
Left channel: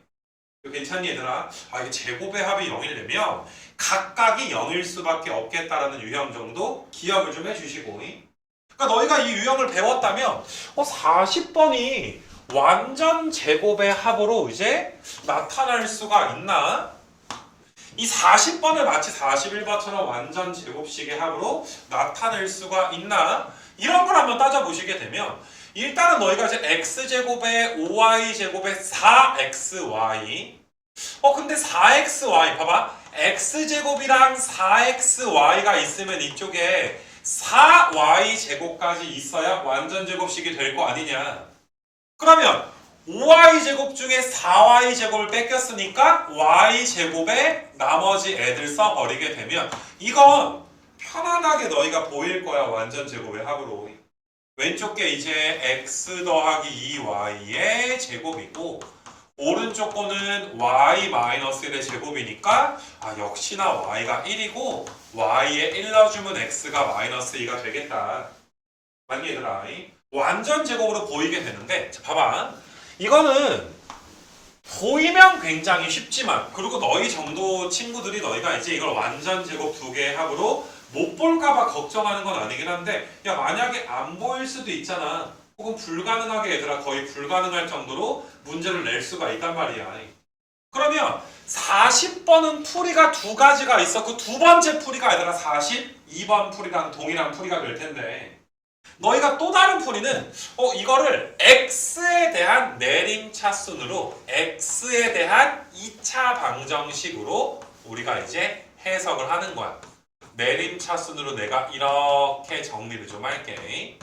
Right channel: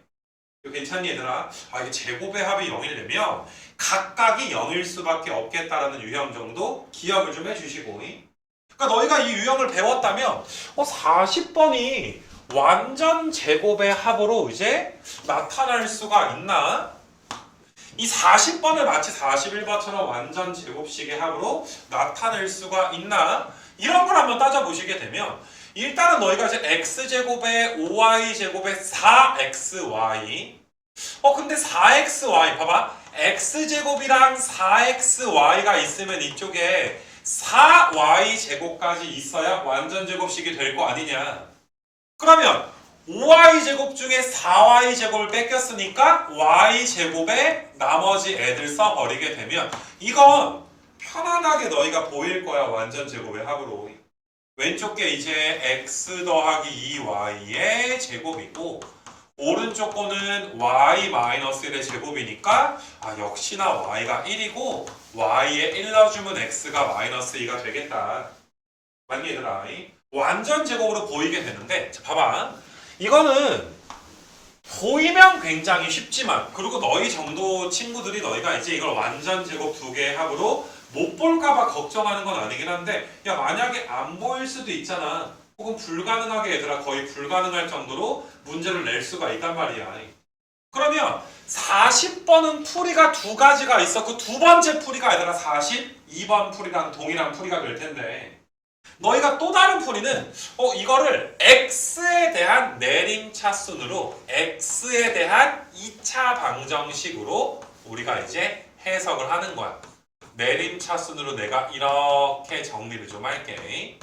이거 괜찮니 얘들아? 이게 제곱의 합이 0이려면 각각이 0일 수밖에 없겠다라는 유형 정도 기억을 좀 해주시고 그러니까 너희가 이 유형을 배웠다면 40번이 완전 제곱의 합으로 이제 나타날 수가 있나? 이 40번을 마치 41번처럼 완전 제곱식의 합으로 나타낼 수가 있나? 이런 걸 한번 따져보시게 되면 일단은 너희가 이제 x제곱에 5y제곱에 4xy 근데 4xy 봐봐 x제곱이랑 4xy가 있으면 이쪽에 4y제곱까지 있어야 완전 제곱식이 될 거 아니냐. 그러면 5y제곱 중에 4y제곱을 뺏겼으니까 y제곱에 나머지 애들 써버리게 되면 이건 편안하게 너희가 보일 거야. 완전 제곱의 합으로. 왼쪽 게 이제 x 더하기 2y의 제곱이고 오른쪽 거는 y-1의 제곱이니까 역시나 y가 1이고 y에 1 넣어주면 x가 마이너스 2가 되겠다. 맞니 얘들아? 완전 제곱으로 보이게 되는데 자, 봐봐. 이거는 보이면 굉장히 쉽지만 그리고 너희 정도 친구들이 너희가 이제 이걸 완전 제곱 두 개의 합으로 못 볼까봐 걱정하는 건 아니긴 한데 야 만약에 안 보일 수도 있잖아. 혹은 불가능하게 얘들아 거의 불가능할 정도로 문제를 낼 수가 있단 말이야. 그러면 40번은 풀이가 두 가지가 있어. 그 두 번째 풀이가 얘들아 42번 풀이랑 동일한 풀이가 될 텐데 너희가 또 다른 풀이는 이거를 x에 대한 내림차순으로 x에 대한 2차 방정식으로 우리가 이제 해석을 하는 거야. 내림차순으로 내가 이렇게 정리를 좀 할게.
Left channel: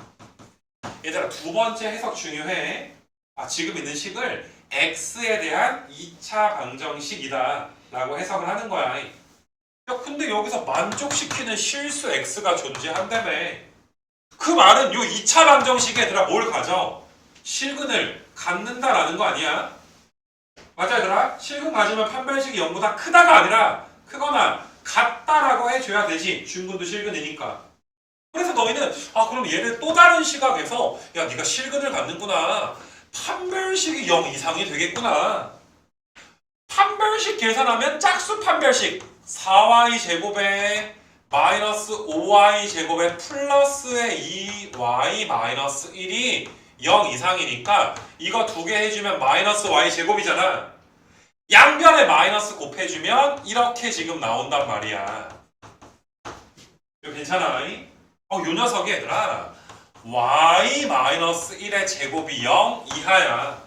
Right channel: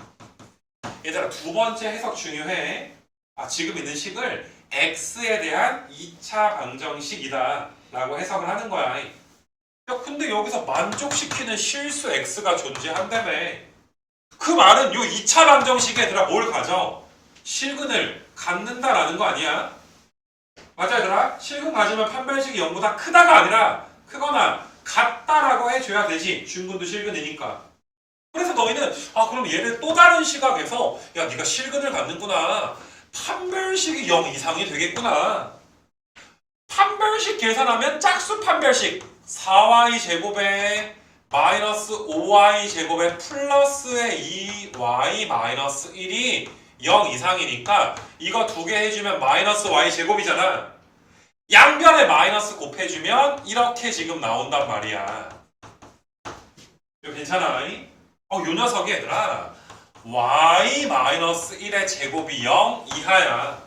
얘들아, 두 번째 해석 중요해. 지금 있는 식을 x에 대한 2차 방정식이다 라고 해석을 하는 거야. 야, 근데 여기서 만족시키는 실수 x가 존재한다며. 그 말은 요 2차 방정식에 얘들아 뭘 가져? 실근을 갖는다라는 거 아니야? 맞아 얘들아? 실근 가지면 판별식이 0보다 크다가 아니라 크거나 같다라고 해줘야 되지. 중근도 실근이니까. 그래서 너희는 그럼 얘를 또 다른 시각에서 야 네가 실근을 갖는구나. 판별식이 0 이상이 되겠구나. 판별식 계산하면 짝수 판별식 4y 제곱에 마이너스 5y 제곱에 플러스의 2y 마이너스 1이 0 이상이니까 이거 두 개 해주면 마이너스 y 제곱이잖아. 양변에 마이너스 곱해주면 이렇게 지금 나온단 말이야. 이거 괜찮아? 요 녀석이 얘들아 y 마이너스 1의 제곱이 0 이하야.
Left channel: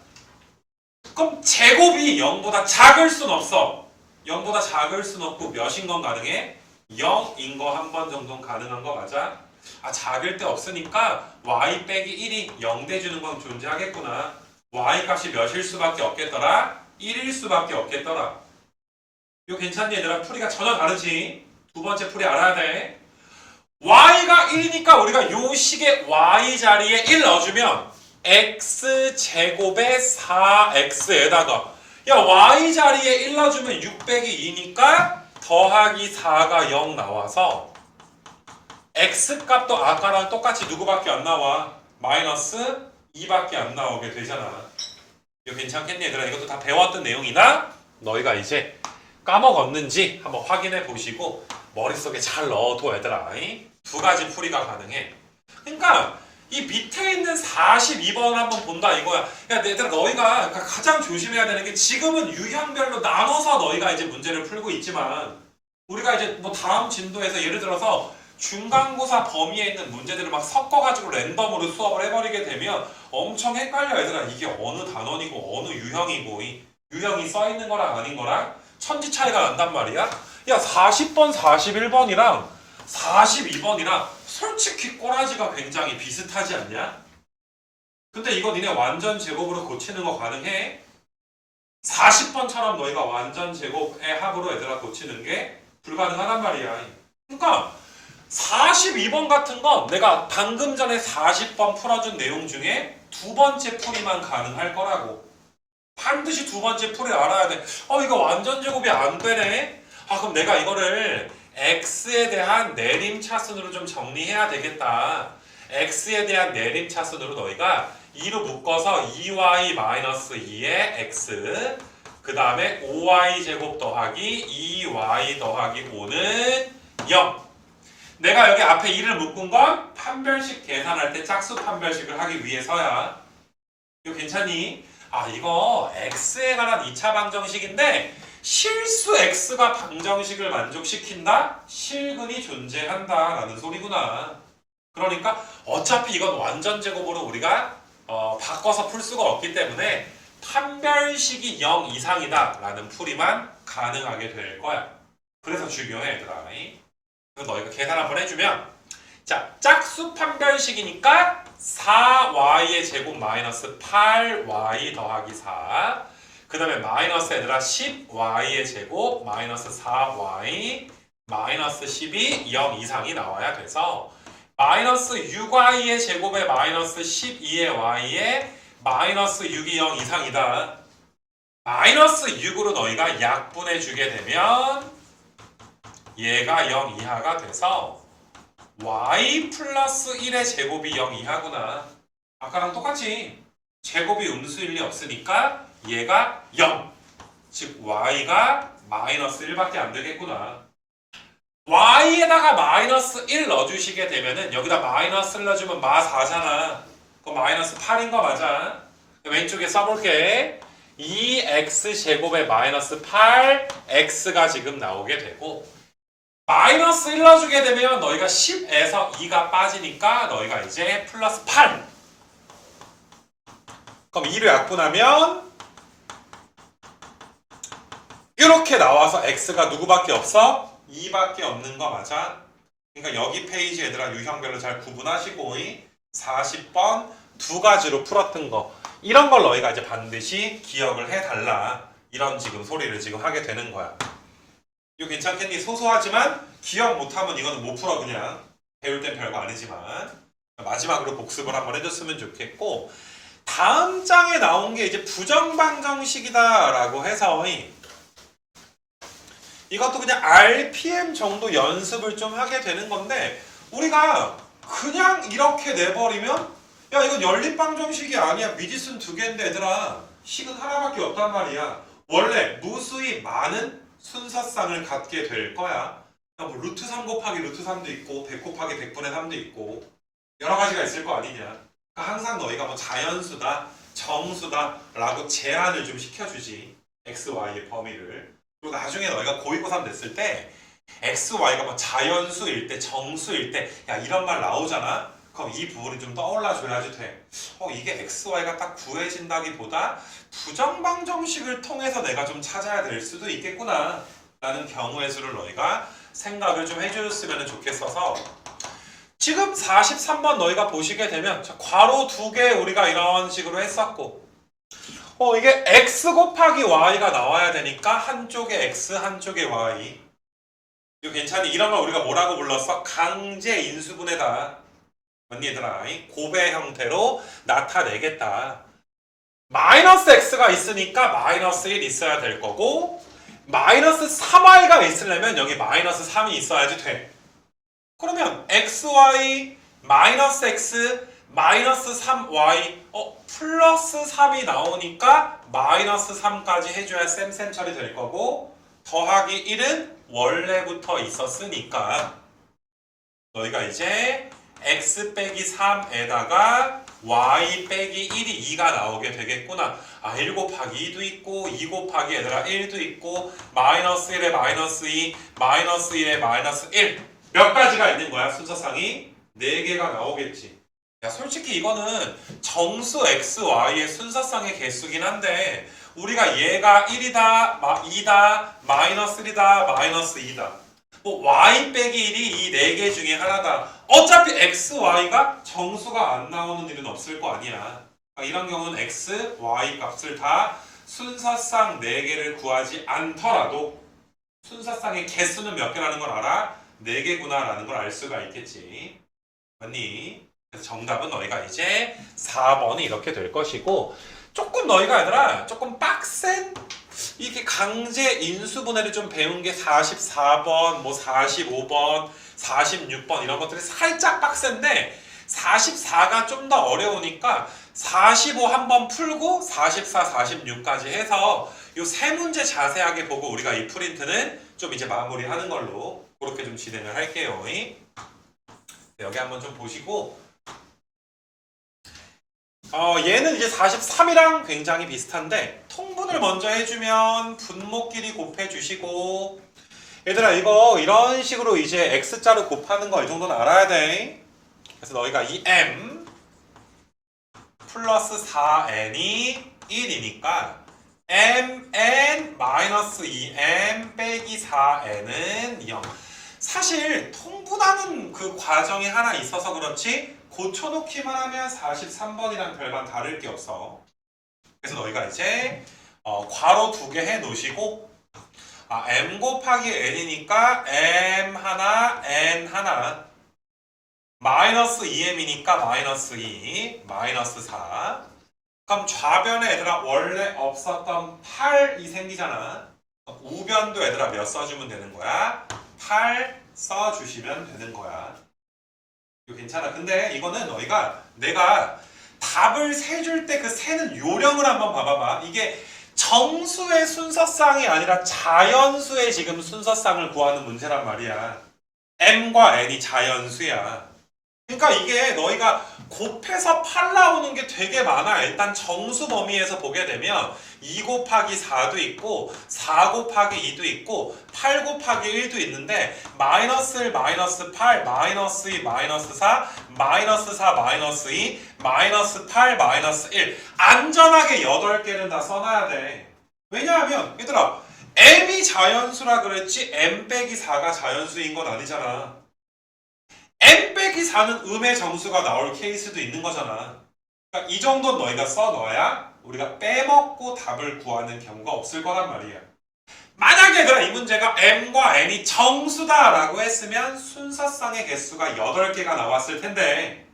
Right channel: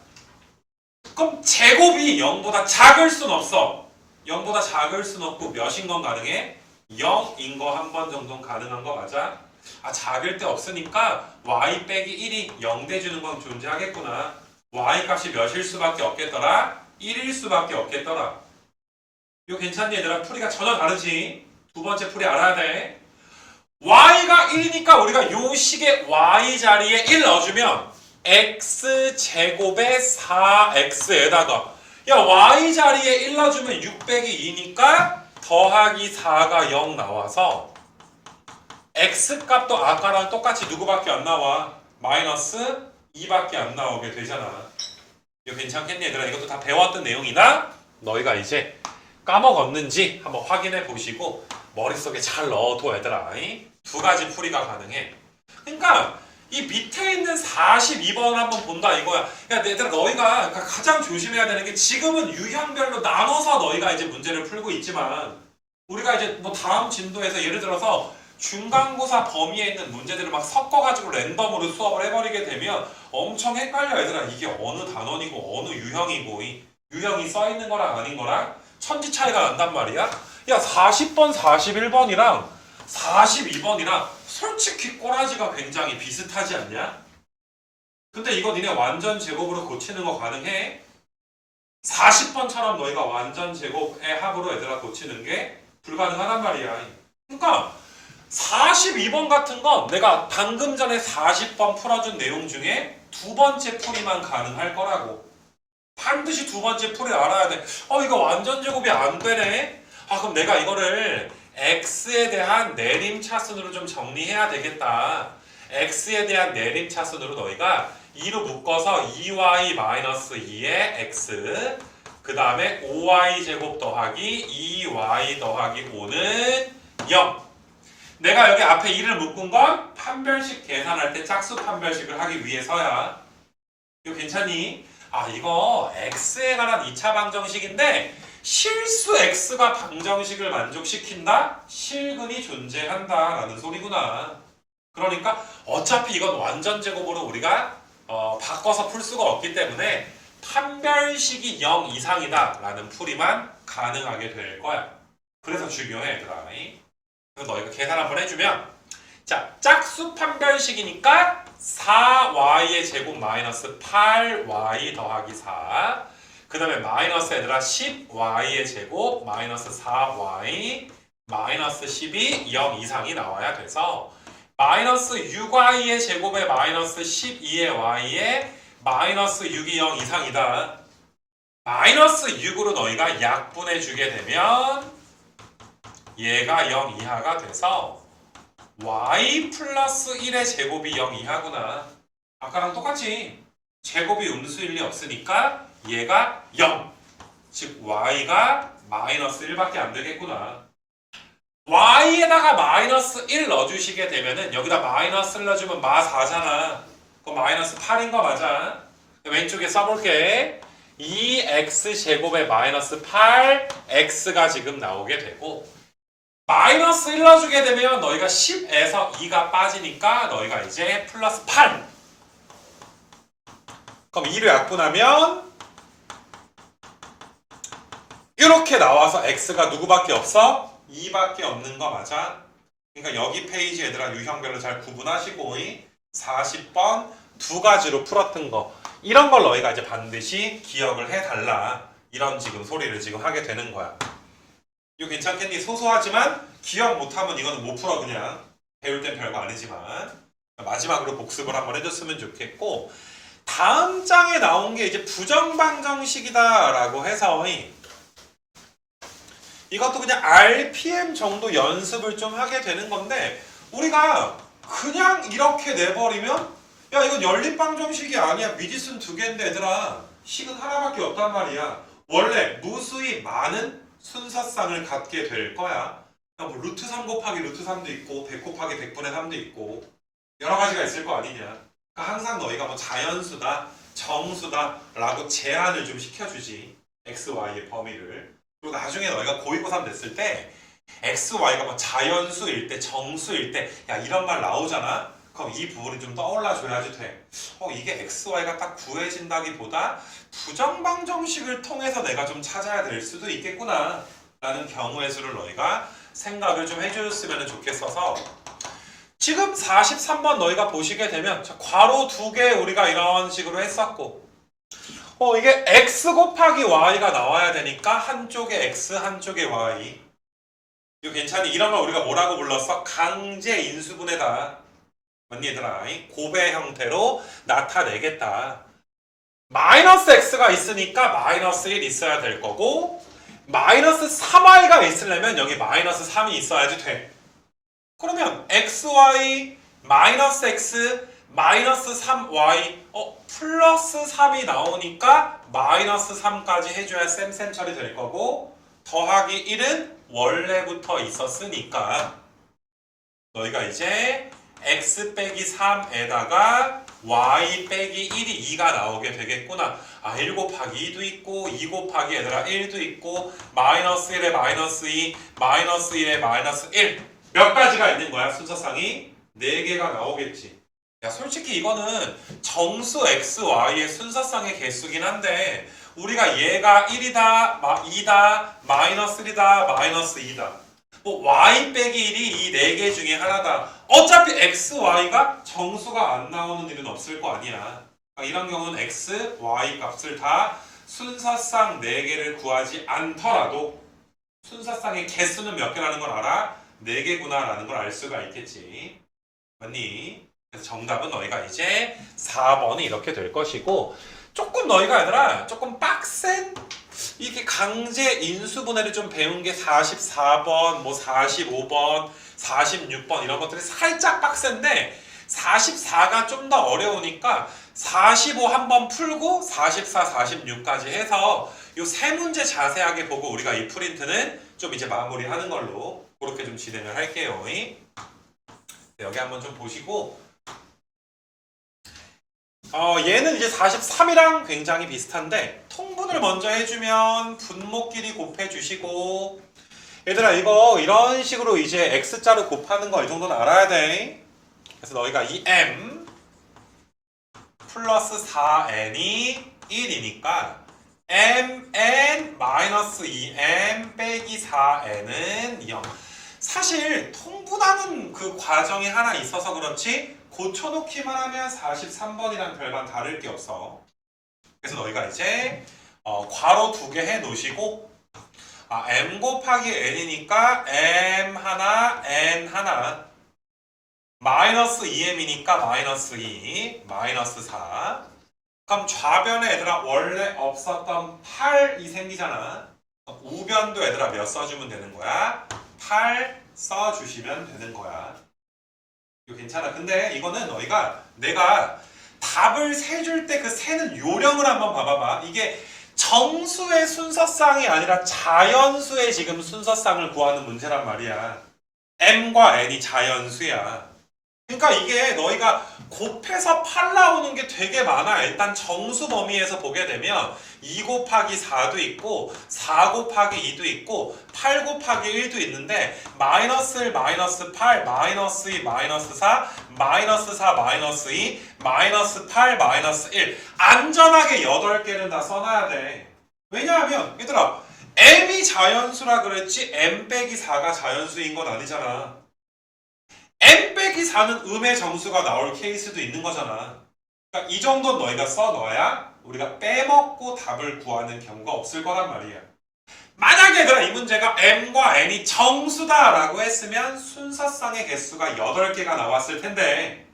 그럼 제곱이 0보다 작을 순 없어. 0보다 작을 순 없고 몇인 건 가능해? 0인 거 한 번 정도는 가능한 거 맞아? 작을 때 없으니까 y 빼기 1이 0 돼주는 건 존재하겠구나. y 값이 몇일 수밖에 없겠더라? 1일 수밖에 없겠더라. 이거 괜찮니 얘들아? 풀이가 전혀 다르지? 두 번째 풀이 알아야 돼. y가 1이니까 우리가 요 식의 y 자리에 1 넣어주면 x제곱에 4x에다가 야 y 자리에 1 넣어주면 6 빼기 2니까 더하기 4가 0 나와서 x값도 아까랑 똑같이 누구밖에 안 나와? 마이너스 2밖에 안 나오게 되잖아. 이거 괜찮겠니 얘들아? 이것도 다 배웠던 내용이나 너희가 이제 까먹었는지 한번 확인해 보시고 머릿속에 잘 넣어둬 얘들아. 두 가지 풀이가 가능해. 그러니까 이 밑에 있는 42번을 한번 본다 이거야. 야 얘들아 너희가 가장 조심해야 되는 게 지금은 유형별로 나눠서 너희가 이제 문제를 풀고 있지만 우리가 이제 뭐 다음 진도에서 예를 들어서 중간고사 범위에 있는 문제들을 막 섞어가지고 랜덤으로 수업을 해버리게 되면 엄청 헷갈려 얘들아. 이게 어느 단원이고 어느 유형이고 이 유형이 써있는 거랑 아닌 거랑 천지 차이가 난단 말이야. 야 40번 41번이랑 42번이랑 솔직히 꼬라지가 굉장히 비슷하지 않냐? 근데 이거 니네 완전 제곱으로 고치는 거 가능해? 40번처럼 너희가 완전 제곱의 합으로 얘들아 고치는 게 불가능하단 말이야. 그러니까 42번 같은 건 내가 방금 전에 40번 풀어준 내용 중에 두 번째 풀이만 가능할 거라고. 반드시 두 번째 풀이 알아야 돼. 이거 완전 제곱이 안 되네? 그럼 내가 이거를 x에 대한 내림차순으로 좀 정리해야 되겠다. x에 대한 내림차순으로 너희가 2로 묶어서 2y-2의 x 그 다음에 5y 제곱 더하기 2y 더하기 5는 0. 내가 여기 앞에 2를 묶은 건 판별식 계산할 때 짝수 판별식을 하기 위해서야. 이거 괜찮니? 이거 x에 관한 2차 방정식인데 실수 x가 방정식을 만족시킨다? 실근이 존재한다 라는 소리구나. 그러니까 어차피 이건 완전 제곱으로 우리가 바꿔서 풀 수가 없기 때문에 판별식이 0 이상이다 라는 풀이만 가능하게 될 거야. 그래서 중요해 얘들아. 그래서 너희가 계산 한번 해주면 자 짝수 판별식이니까 4y의 제곱 마이너스 8y 더하기 4 그 다음에 마이너스 얘들아 10y의 제곱 마이너스 4y 마이너스 10이 0 이상이 나와야 돼서 마이너스 6y의 제곱에 마이너스 12의 y에 마이너스 6이 0 이상이다. 마이너스 6으로 너희가 약분해주게 되면 얘가 0 이하가 돼서 y 플러스 1의 제곱이 0 이하구나. 아까랑 똑같이 제곱이 음수일 리 없으니까 얘가 0. 즉 y가 마이너스 1밖에 안 되겠구나. y에다가 마이너스 1 넣어주시게 되면은 여기다 마이너스 1 넣어주면 마 4잖아. 그거 마이너스 8인 거 맞아. 왼쪽에 써볼게. 2x 제곱에 마이너스 8x가 지금 나오게 되고 마이너스 1 넣어주게 되면 너희가 10에서 2가 빠지니까 너희가 이제 플러스 8. 그럼 2를 약분하면 이렇게 나와서 x가 누구밖에 없어? 2밖에 없는 거 맞아? 그러니까 여기 페이지 얘들아 유형별로 잘 구분하시고 40번 두 가지로 풀었던 거 이런 걸 너희가 이제 반드시 기억을 해달라. 이런 지금 소리를 지금 하게 되는 거야. 이거 괜찮겠니? 소소하지만 기억 못하면 이거는 못 풀어 그냥. 배울 땐 별거 아니지만 마지막으로 복습을 한번 해줬으면 좋겠고 다음 장에 나온 게 이제 부정방정식이다 라고 해서 이것도 그냥 RPM 정도 연습을 좀 하게 되는 건데 우리가 그냥 이렇게 내버리면 야 이건 연립방정식이 아니야 미지수는 두 개인데 얘들아 식은 하나밖에 없단 말이야. 원래 무수히 많은 순서쌍을 갖게 될 거야. 뭐 루트 3 곱하기 루트 3도 있고 100 곱하기 100분의 3도 있고 여러 가지가 있을 거 아니냐. 그러니까 항상 너희가 뭐 자연수다 정수다 라고 제한을 좀 시켜주지. x, y의 범위를. 그리고 나중에 너희가 고2, 고3 됐을 때 x, y가 뭐 자연수일 때 정수일 때 야 이런 말 나오잖아. 그럼 이 부분이 좀 떠올라줘야지 돼. 이게 x, y가 딱 구해진다기보다 부정방정식을 통해서 내가 좀 찾아야 될 수도 있겠구나 라는 경우의 수를 너희가 생각을 좀 해줬으면 좋겠어서 지금 43번 너희가 보시게 되면 괄호 두 개 우리가 이런 식으로 했었고 이게 x 곱하기 y가 나와야 되니까 한쪽에 x 한쪽에 y 이거 괜찮니? 이런 걸 우리가 뭐라고 불렀어? 강제 인수분해다. 맞니 얘들아? 고배 형태로 나타내겠다. 마이너스 x가 있으니까 마이너스 1 있어야 될 거고 마이너스 3y가 있으려면 여기 마이너스 3이 있어야지 돼. 그러면 xy 마이너스 x 마이너스 3y 플러스 3이 나오니까 마이너스 3까지 해줘야 쌤쌤 처리 될 거고 더하기 1은 원래부터 있었으니까 너희가 이제 x 빼기 3에다가 y 빼기 1이 2가 나오게 되겠구나. 1 곱하기 2도 있고 2 곱하기 얘들아 1도 있고 마이너스 1에 마이너스 2 마이너스 1에 마이너스 1 몇 가지가 있는 거야 순서상이? 4개가 나오겠지. 야 솔직히 이거는 정수 x, y의 순서상의 개수긴 한데 우리가 얘가 1이다, 2다, 마이너스 1이다, 마이너스 2다 뭐 y 빼기 1이 이 4개 중에 하나다. 어차피 x, y가 정수가 안 나오는 일은 없을 거 아니야. 이런 경우는 x, y 값을 다 순서상 4개를 구하지 않더라도 순서상의 개수는 몇 개라는 걸 알아? 4개구나 라는 걸 알 수가 있겠지. 맞니? 그래서 정답은 너희가 이제 4번이 이렇게 될 것이고 조금 너희가 얘들아 조금 빡센 이렇게 강제 인수분해를 좀 배운 게 44번, 뭐 45번, 46번 이런 것들이 살짝 빡센데 44가 좀 더 어려우니까 45 한번 풀고 44, 46까지 해서 이 세 문제 자세하게 보고 우리가 이 프린트는 좀 이제 마무리하는 걸로 그렇게 좀 진행을 할게요. 여기 한번 좀 보시고 얘는 이제 43이랑 굉장히 비슷한데 통분을 먼저 해주면 분모끼리 곱해주시고 얘들아 이거 이런 식으로 이제 x자로 곱하는 거 이 정도는 알아야 돼. 그래서 너희가 이 m 플러스 4n이 1이니까 mn 마이너스 2m 빼기 4n은 0. 사실 통분하는 그 과정이 하나 있어서 그렇지 고쳐놓기만 하면 43번이랑 별반 다를 게 없어. 그래서 너희가 이제 괄호 2개 해 놓으시고 m 곱하기 n이니까 m 하나 n 하나 마이너스 2m이니까 마이너스 2 마이너스 4 그럼 좌변에 얘들아 원래 없었던 8이 생기잖아. 우변도 얘들아 몇 써주면 되는 거야? 8 써주시면 되는 거야. 이거 괜찮아. 근데 이거는 너희가 내가 답을 세줄 때 그 세는 요령을 한번 봐봐봐. 이게 정수의 순서쌍이 아니라 자연수의 지금 순서쌍을 구하는 문제란 말이야. m과 n이 자연수야. 그러니까 이게 너희가 곱해서 8 나오는 게 되게 많아. 일단 정수 범위에서 보게 되면 2 곱하기 4도 있고 4 곱하기 2도 있고 8 곱하기 1도 있는데 마이너스 1, 마이너스 8, 마이너스 2, 마이너스 4, 마이너스 4, 마이너스 2, 마이너스 8, 마이너스 1 안전하게 8개는 다 써놔야 돼. 왜냐하면 얘들아 m이 자연수라 그랬지 m 빼기 4가 자연수인 건 아니잖아. n 빼기 4는 음의 점수가 나올 케이스도 있는 거잖아. 그러니까 이 정도는 너희가 써넣어야 우리가 빼먹고 답을 구하는 경우가 없을 거란 말이야. 만약에 얘들아 이 문제가 m과 n이 정수다라고 했으면 순서상의 개수가 8개가 나왔을 텐데,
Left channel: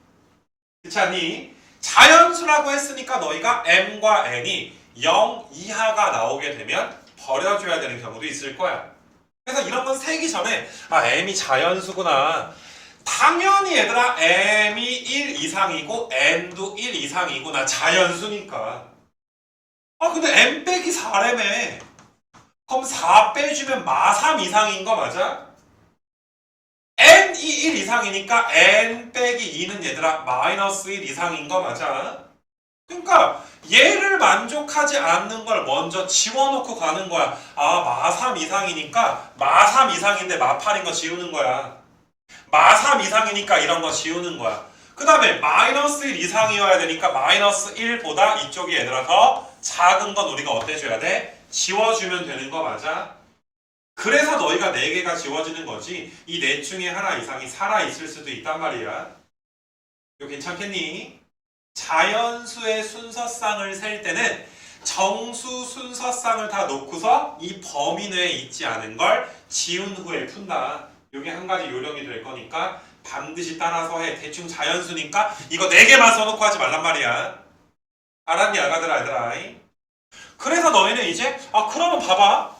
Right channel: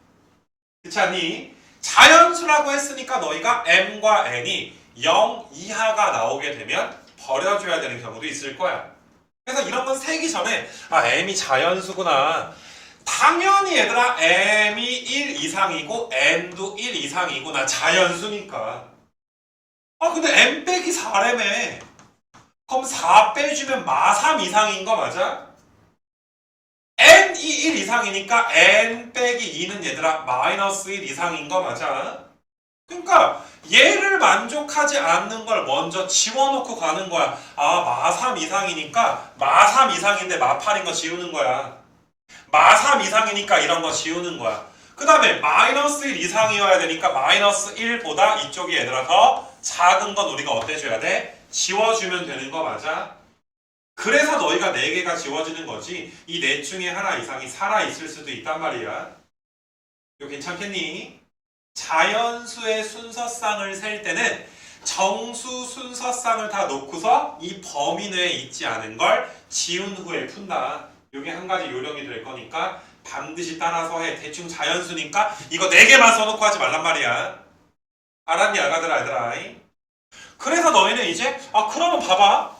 그렇지 않니? 자연수라고 했으니까 너희가 m과 n이 0 이하가 나오게 되면 버려줘야 되는 경우도 있을 거야. 그래서 이런 건 세기 전에 m이 자연수구나. 당연히 얘들아 m이 1 이상이고 n도 1 이상이구나. 자연수니까. 근데 m 빼기 4라며. 그럼 4 빼주면 마3 이상인 거 맞아? n이 1 이상이니까 n 빼기 2는 얘들아 마이너스 1 이상인 거 맞아? 그러니까 얘를 만족하지 않는 걸 먼저 지워놓고 가는 거야. 마3 이상이니까 마3 이상인데 마8인 거 지우는 거야. 마3 이상이니까 이런 거 지우는 거야. 그 다음에 마이너스 1 이상이어야 되니까 마이너스 1보다 이쪽이 얘들아 더 작은 건 우리가 어때줘야 돼? 지워주면 되는 거 맞아? 그래서 너희가 4개가 지워지는 거지 이 넷 중에 하나 이상이 살아있을 수도 있단 말이야. 이거 괜찮겠니? 자연수의 순서상을 셀 때는 정수 순서상을 다 놓고서 이 범위 내에 있지 않은 걸 지운 후에 푼다. 이게 한 가지 요령이 될 거니까 반드시 따라서 해. 대충 자연수니까 이거 4개만 써놓고 하지 말란 말이야. 알았니 얘들아? 그래서 너희는 이제 그러면 봐봐.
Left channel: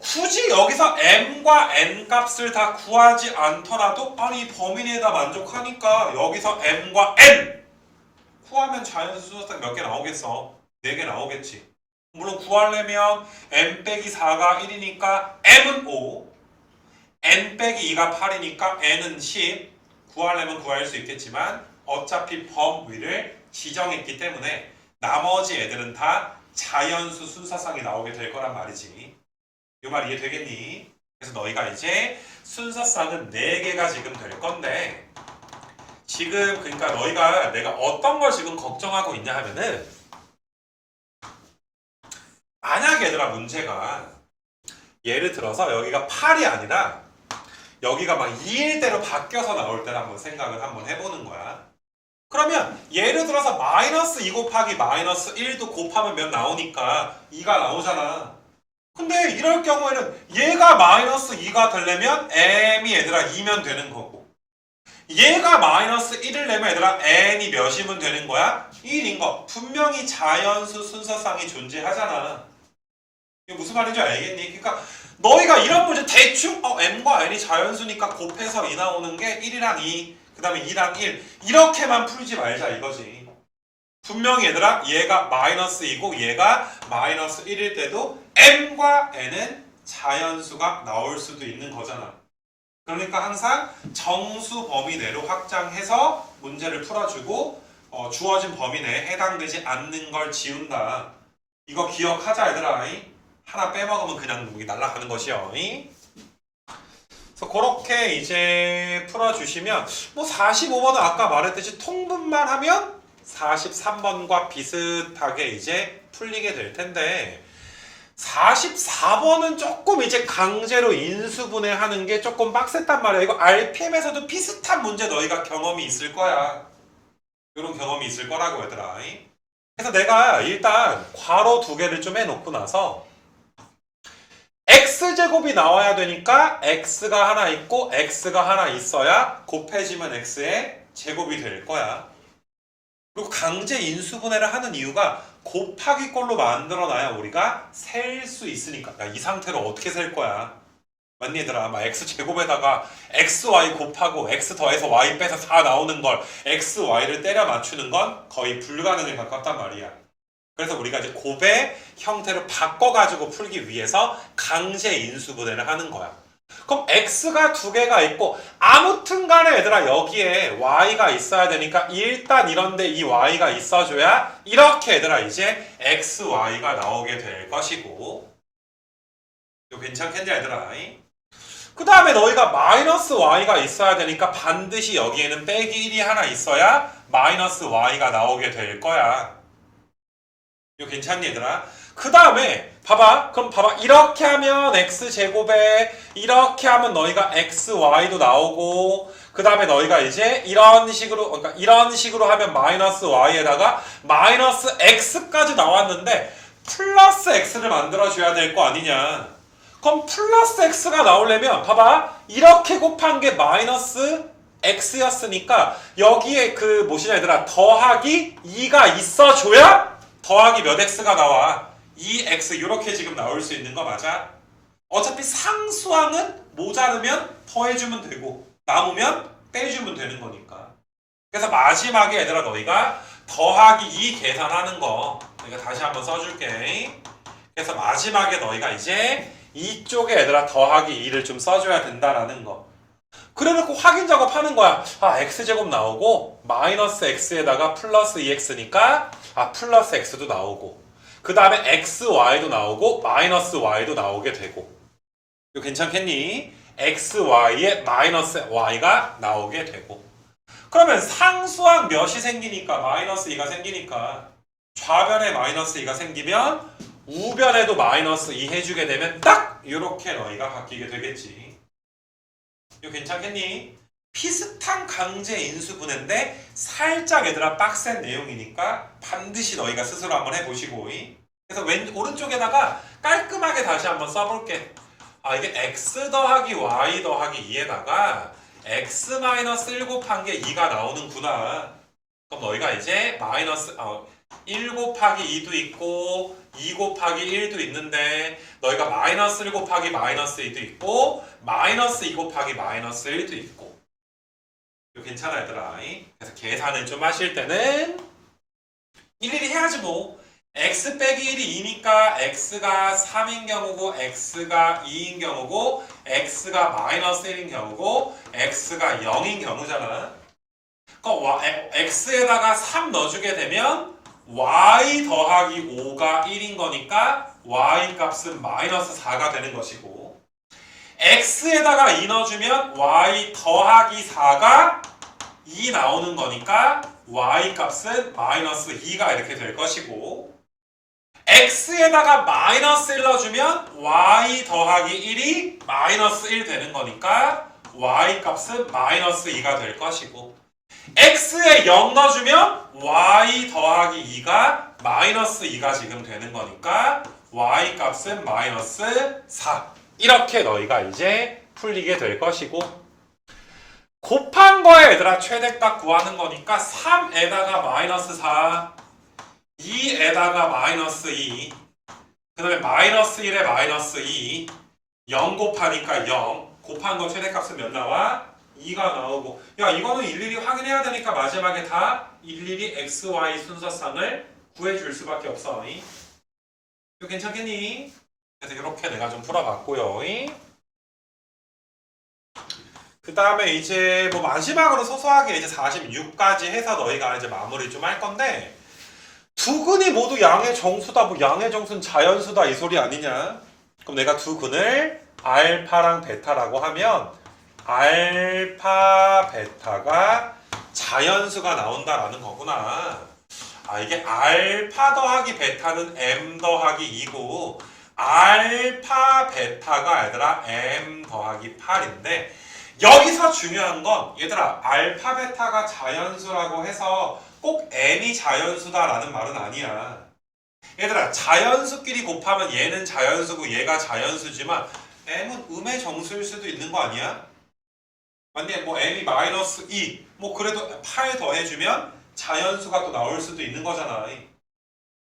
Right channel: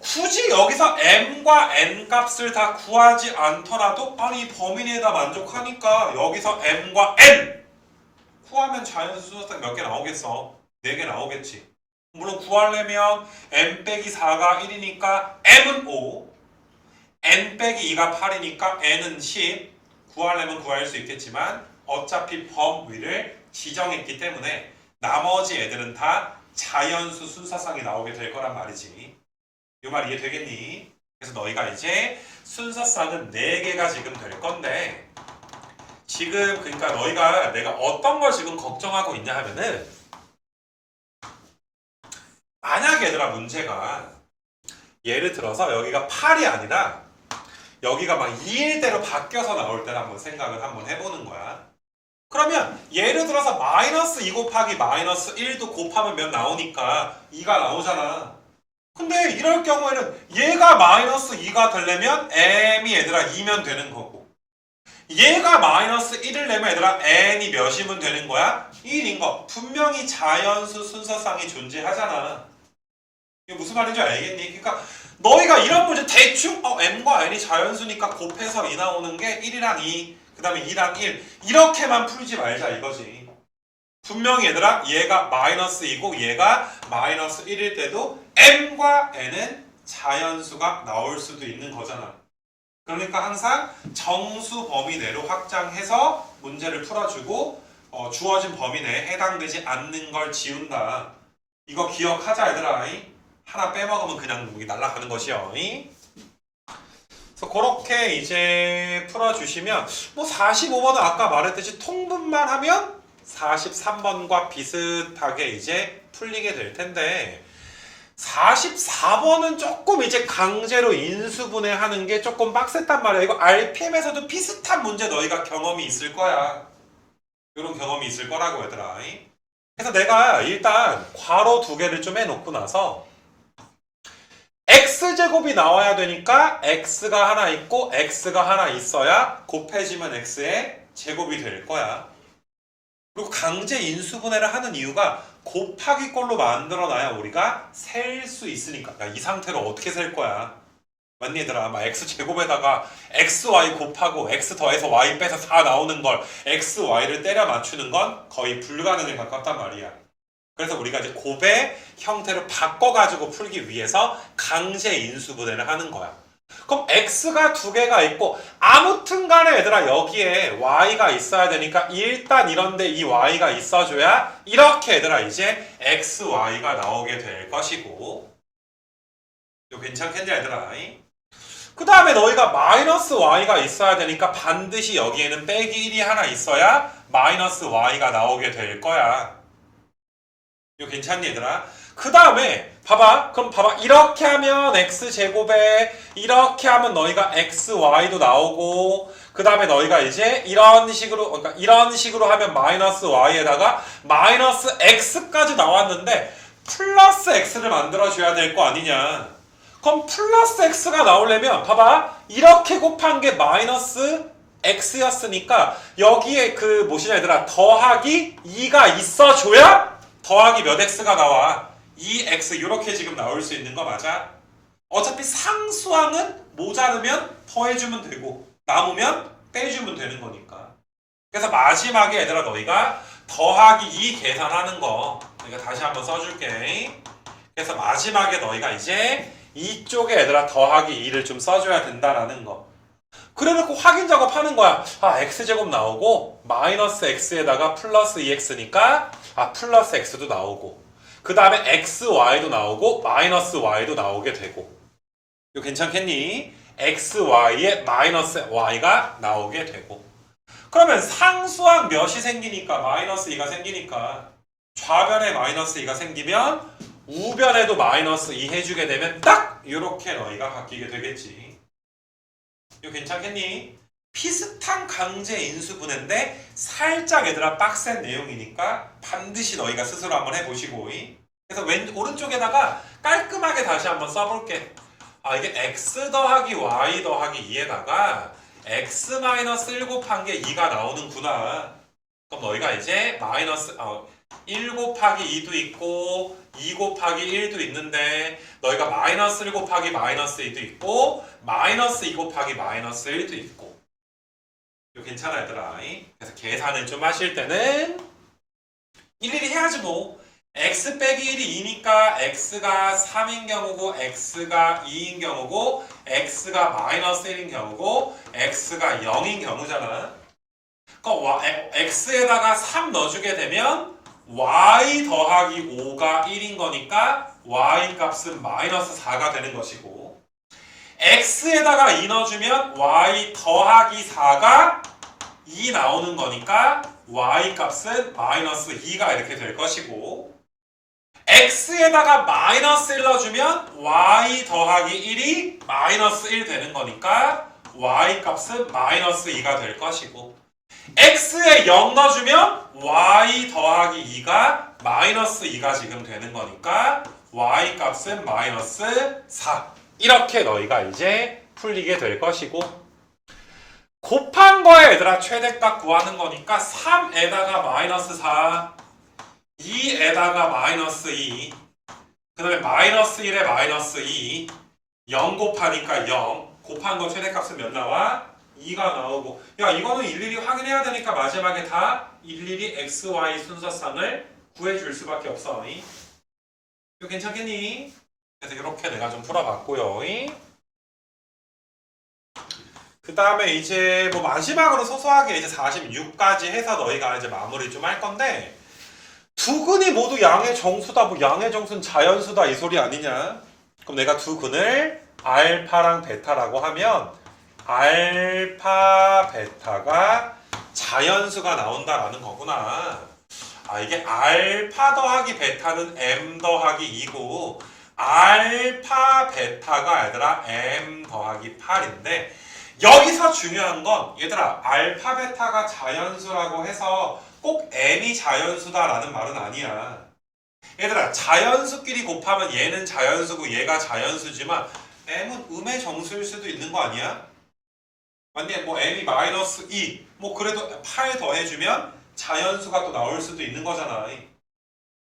굳이 여기서 m과 n 값을 다 구하지 않더라도 이 범위 내에다 만족하니까 여기서 m과 n 구하면 자연수 순서상 몇 개 나오겠어? 4개 나오겠지. 물론 구하려면 m 빼기 4가 1이니까 m은 5, n 빼기 2가 8이니까 n은 10 구하려면 구할 수 있겠지만 어차피 범위를 지정했기 때문에 나머지 애들은 다 자연수 순서상이 나오게 될 거란 말이지. 이 말 이해되겠니? 그래서 너희가 이제 순서상은 4개가 지금 될 건데 지금 그러니까 너희가 내가 어떤 걸 지금 걱정하고 있냐 하면은 만약 얘들아 문제가 예를 들어서 여기가 8이 아니라 여기가 막 2일 대로 바뀌어서 나올 때를 한번 생각을 한번 해보는 거야. 그러면 예를 들어서 마이너스 2 곱하기 마이너스 1도 곱하면 몇 나오니까 2가 나오잖아. 근데 이럴 경우에는 얘가 마이너스 2가 되려면 m이 얘들아 2면 되는 거고 얘가 마이너스 1을 내면 얘들아 n이 몇이면 되는 거야? 1인 거. 분명히 자연수 순서상이 존재하잖아. 이게 무슨 말인지 알겠니? 그러니까 너희가 이런 문제 대충 m과 n이 자연수니까 곱해서 2 나오는 게 1이랑 2, 그 다음에 2랑 1 이렇게만 풀지 말자 이거지. 분명히 얘들아 얘가 마이너스 2고 얘가 마이너스 1일 때도 m과 n은 자연수가 나올 수도 있는 거잖아. 그러니까 항상 정수 범위 내로 확장해서 문제를 풀어주고 주어진 범위 내에 해당되지 않는 걸 지운다. 이거 기억하자 얘들아. 하나 빼먹으면 그냥 날아가는 것이요. 그래서 그렇게 이제 풀어주시면 45번은 아까 말했듯이 통분만 하면 43번과 비슷하게 이제 풀리게 될 텐데 44번은 조금 이제 강제로 인수분해하는 게 조금 빡셌단 말이야. 이거 RPM에서도 비슷한 문제 너희가 경험이 있을 거야. 이런 경험이 있을 거라고 얘들아. 그래서 내가 일단 괄호 2개를 좀 해놓고 나서 x제곱이 나와야 되니까 x가 하나 있고 x가 하나 있어야 곱해지면 x의 제곱이 될 거야. 그리고 강제 인수분해를 하는 이유가 곱하기 꼴로 만들어놔야 우리가 셀 수 있으니까. 이 상태로 어떻게 셀 거야? 맞니 얘들아? x제곱에다가 xy 곱하고 x 더해서 y 빼서 4 나오는 걸 xy를 때려 맞추는 건 거의 불가능에 가깝단 말이야. 그래서 우리가 이제 곱의 형태를 바꿔가지고 풀기 위해서 강제 인수분해를 하는 거야. 그럼 x가 2개가 있고 아무튼 간에 얘들아 여기에 y가 있어야 되니까 일단 이런데 이 y가 있어줘야 이렇게 얘들아 이제 xy가 나오게 될 것이고 이거 괜찮겠냐 얘들아? 그 다음에 너희가 마이너스 y가 있어야 되니까 반드시 여기에는 빼기 1이 하나 있어야 마이너스 y가 나오게 될 거야. 이거 괜찮니 얘들아? 그 다음에 봐봐. 그럼 봐봐. 이렇게 하면 x제곱에 이렇게 하면 너희가 xy도 나오고 그 다음에 너희가 이제 이런 식으로 하면 마이너스 y에다가 마이너스 x까지 나왔는데 플러스 x를 만들어줘야 될 거 아니냐. 그럼 플러스 x가 나오려면 봐봐. 이렇게 곱한 게 마이너스 x였으니까 여기에 그 뭐시냐 얘들아 더하기 2가 있어줘야 더하기 몇 x가 나와. 2x 이렇게 지금 나올 수 있는 거 맞아? 어차피 상수항은 모자르면 더해주면 되고 남으면 떼주면 되는 거니까. 그래서 마지막에 얘들아 너희가 더하기 2 계산하는 거 내가 다시 한번 써줄게. 그래서 마지막에 너희가 이제 이쪽에 얘들아 더하기 2를 좀 써줘야 된다라는 거. 그래놓고 확인 작업하는 거야. x제곱 나오고 마이너스 x에다가 플러스 2x니까 플러스 x도 나오고 그 다음에 xy도 나오고 마이너스 y도 나오게 되고. 이거 괜찮겠니? xy에 마이너스 y가 나오게 되고. 그러면 상수항 몇이 생기니까 마이너스 2가 생기니까 좌변에 마이너스 2가 생기면 우변에도 마이너스 2 해주게 되면 딱 이렇게 너희가 바뀌게 되겠지. 이거 괜찮겠니? 비슷한 강제 인수분해인데 살짝 얘들아 빡센 내용이니까 반드시 너희가 스스로 한번 해보시고. 그래서 오른쪽에다가 깔끔하게 다시 한번 써볼게. 이게 x 더하기 y 더하기 2에다가 x 마이너스 1 곱한 게 2가 나오는구나. 그럼 너희가 이제 마이너스 1 곱하기 2도 있고 2 곱하기 1도 있는데 너희가 마이너스 1 곱하기 마이너스 2도 있고 마이너스 2 곱하기 마이너스 1도 있고. 이거 괜찮아 얘들아. 그래서 계산을 좀 하실 때는 일일이 해야지 뭐. x 빼기 1이 2니까 x가 3인 경우고 x가 2인 경우고 x가 마이너스 1인 경우고 x가 0인 경우잖아. 그럼 x에다가 3 넣어주게 되면 y 더하기 5가 1인 거니까 y 값은 마이너스 4가 되는 것이고 x에다가 2 넣어주면 y 더하기 4가 2 나오는 거니까 y 값은 마이너스 2가 이렇게 될 것이고 x에다가 마이너스 1 넣어주면 y 더하기 1이 마이너스 1 되는 거니까 y 값은 마이너스 2가 될 것이고 x에 0 넣어주면 y 더하기 2가 마이너스 2가 지금 되는 거니까 y 값은 마이너스 4. 이렇게 너희가 이제 풀리게 될 것이고 곱한 거에 얘들아 최대값 구하는 거니까 3에다가 마이너스 4 2에다가 마이너스 2 그 다음에 마이너스 1에 마이너스 2 0 곱하니까 0 곱한 거 최대값은 몇 나와? 2가 나오고 야 이거는 일일이 확인해야 되니까 마지막에 다 일일이 x, y 순서상을 구해줄 수밖에 없어. 이거 괜찮겠니? 그래서 이렇게 내가 좀 풀어봤고요. 그 다음에 이제 뭐 마지막으로 소소하게 이제 46까지 해서 너희가 이제 마무리 좀 할 건데 두 근이 모두 양의 정수다. 뭐 양의 정수는 자연수다 이 소리 아니냐? 그럼 내가 두 근을 알파랑 베타라고 하면 알파 베타가 자연수가 나온다라는 거구나. 이게 알파 더하기 베타는 m 더하기 2고 알파 베타가 얘들아 m 더하기 8인데 여기서 중요한 건 얘들아 알파 베타가 자연수라고 해서 꼭 m이 자연수다라는 말은 아니야. 얘들아 자연수끼리 곱하면 얘는 자연수고 얘가 자연수지만 m은 음의 정수일 수도 있는 거 아니야? 근데 뭐 m이 마이너스 2 뭐 그래도 8 더해주면 자연수가 또 나올 수도 있는 거잖아.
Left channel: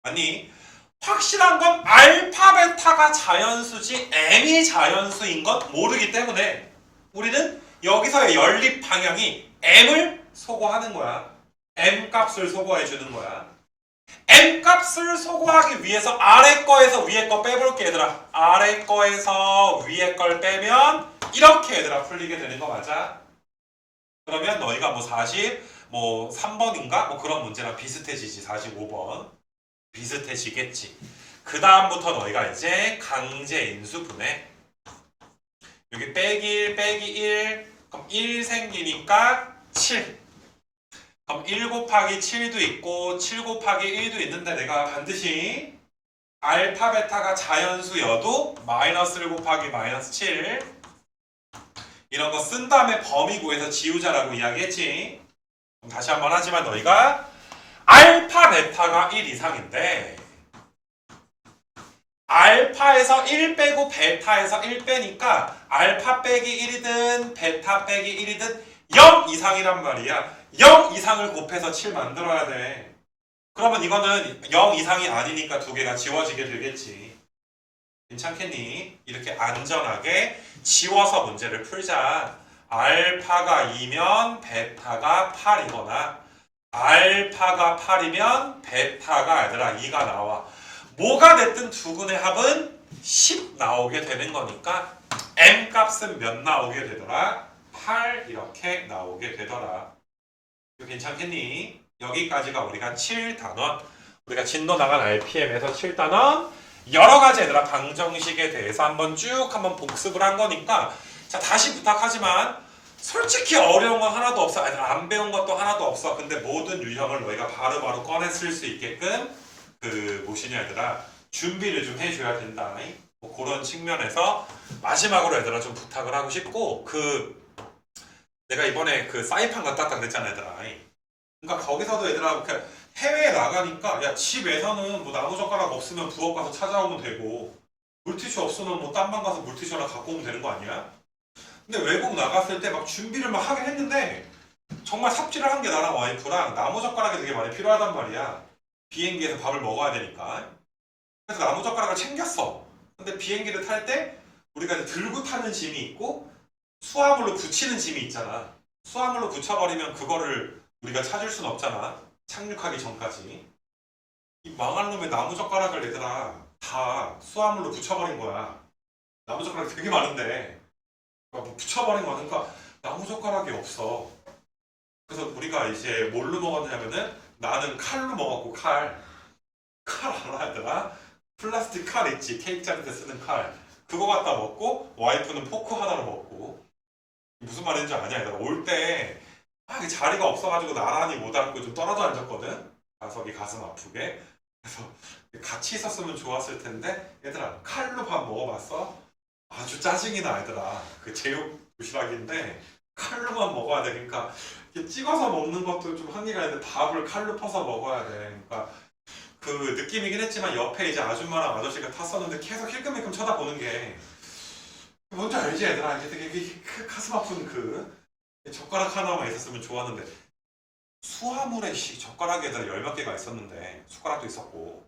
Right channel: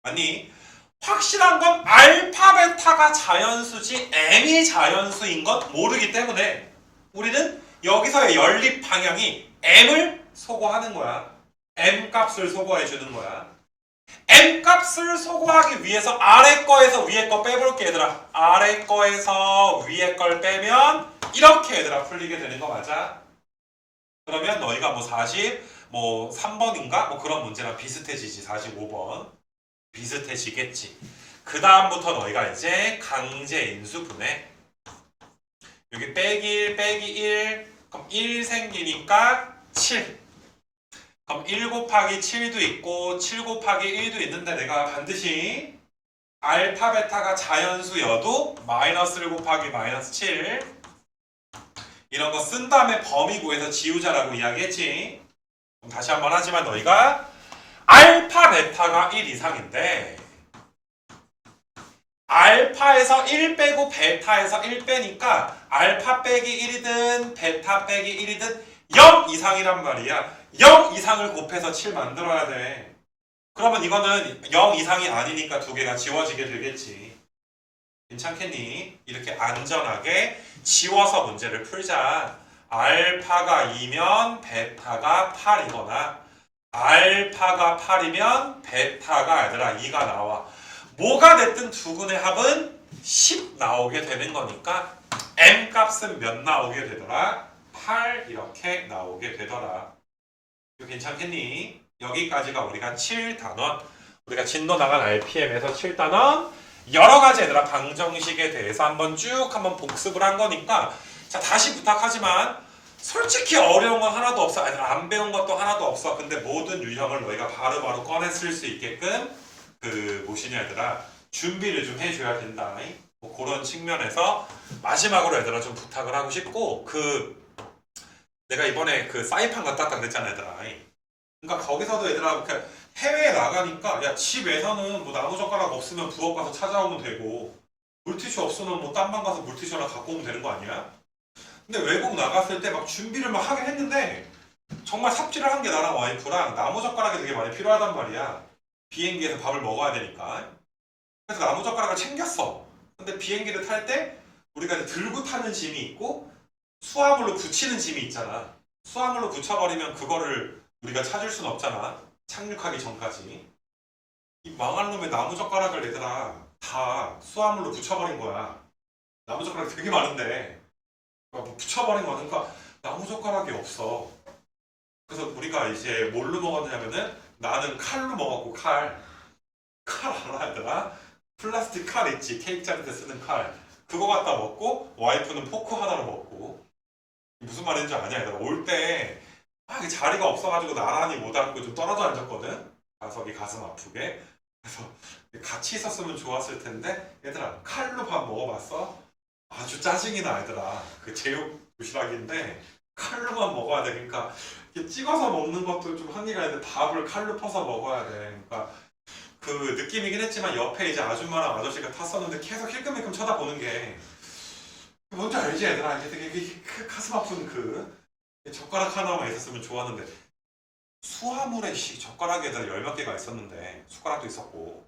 아니 확실한 건 알파 베타가 자연수지 m이 자연수인 건 모르기 때문에 우리는 여기서의 연립 방향이 m을 소거하는 거야. m 값을 소거해 주는 거야. m 값을 소거하기 위해서 아래 거에서 위에 거 빼볼게 얘들아. 아래 거에서 위에 걸 빼면 이렇게 얘들아 풀리게 되는 거 맞아? 그러면 너희가 뭐 3번인가? 뭐 그런 문제랑 비슷해지지. 45번 비슷해지겠지. 그 다음부터 너희가 이제 강제 인수분해 여기 빼기 1 그럼 1 생기니까 7 그럼 1 곱하기 7도 있고 7 곱하기 1도 있는데 내가 반드시 알파 베타가 자연수여도 마이너스 1 곱하기 마이너스 7 이런 거 쓴 다음에 범위 구해서 지우자라고 이야기했지. 그럼 다시 한번 하지만 너희가 알파 베타가 1 이상인데 알파에서 1 빼고 베타에서 1 빼니까 알파 빼기 1이든 베타 빼기 1이든 0 이상이란 말이야. 0 이상을 곱해서 7 만들어야 돼. 그러면 이거는 0 이상이 아니니까 두 개가 지워지게 되겠지. 괜찮겠니? 이렇게 안전하게 지워서 문제를 풀자. 알파가 2면 베타가 8이거나 알파가 8이면 베타가 얘들아 2가 나와. 뭐가 됐든 두근의 합은 10 나오게 되는 거니까 m 값은 몇 나오게 되더라? 8 이렇게 나오게 되더라. 이거 괜찮겠니? 여기까지가 우리가 7단원, 우리가 진도 나간 RPM에서 7단원 여러 가지 얘들아 방정식에 대해서 한번 복습을 한 거니까 자 다시 부탁하지만 솔직히 어려운 건 하나도 없어. 안 배운 것도 하나도 없어. 근데 모든 유형을 너희가 바로바로 꺼내 쓸 수 있게끔 무엇이냐 얘들아 준비를 좀 해줘야 된다. 뭐 그런 측면에서 마지막으로 얘들아 좀 부탁을 하고 싶고 내가 이번에 사이판 갔다 왔다 그랬잖아 얘들아. 그러니까 거기서도 얘들아 해외에 나가니까 야 집에서는 뭐 나무젓가락 없으면 부엌 가서 찾아오면 되고 물티슈 없으면 뭐 땀만 가서 물티슈 하나 갖고 오면 되는 거 아니야? 근데 외국 나갔을 때 막 준비를 막 하긴 했는데 정말 삽질을 한 게 나랑 와이프랑 나무젓가락이 되게 많이 필요하단 말이야. 비행기에서 밥을 먹어야 되니까. 그래서 나무젓가락을 챙겼어. 근데 비행기를 탈 때 우리가 이제 들고 타는 짐이 있고 수화물로 붙이는 짐이 있잖아. 수화물로 붙여버리면 그거를 우리가 찾을 순 없잖아. 착륙하기 전까지. 이 망할 놈의 나무젓가락을 얘들아 다 수화물로 붙여버린 거야. 나무젓가락이 되게 많은데 붙여버린 거니까 나무젓가락이 없어. 그래서 우리가 이제 뭘로 먹었냐면은 나는 칼로 먹었고 칼 알아 얘들아? 플라스틱 칼 있지. 케이크 자를 때 쓰는 칼 그거 갖다 먹고 와이프는 포크 하나로 먹고 무슨 말인지 아냐 얘들아 올 때 자리가 없어가지고 나란히 못 앉고 좀 떨어져 앉았거든. 좌석이 가슴 아프게. 그래서 같이 있었으면 좋았을 텐데 얘들아 칼로 밥 먹어봤어? 아주 짜증이 나 얘들아. 그 제육 도시락인데 칼로만 먹어야 돼. 그러니까 찍어서 먹는 것도 좀 한계가 있는데 밥을 칼로 퍼서 먹어야 돼. 그러니까 그 느낌이긴 했지만 옆에 이제 아줌마랑 아저씨가 탔었는데 계속 힐끔힐끔 쳐다보는 게 뭔지 알지 얘들아? 이게 되게 가슴 아픈 젓가락 하나만 있었으면 좋았는데 수화물에 젓가락에 애들 10몇 개가 있었는데 숟가락도 있었고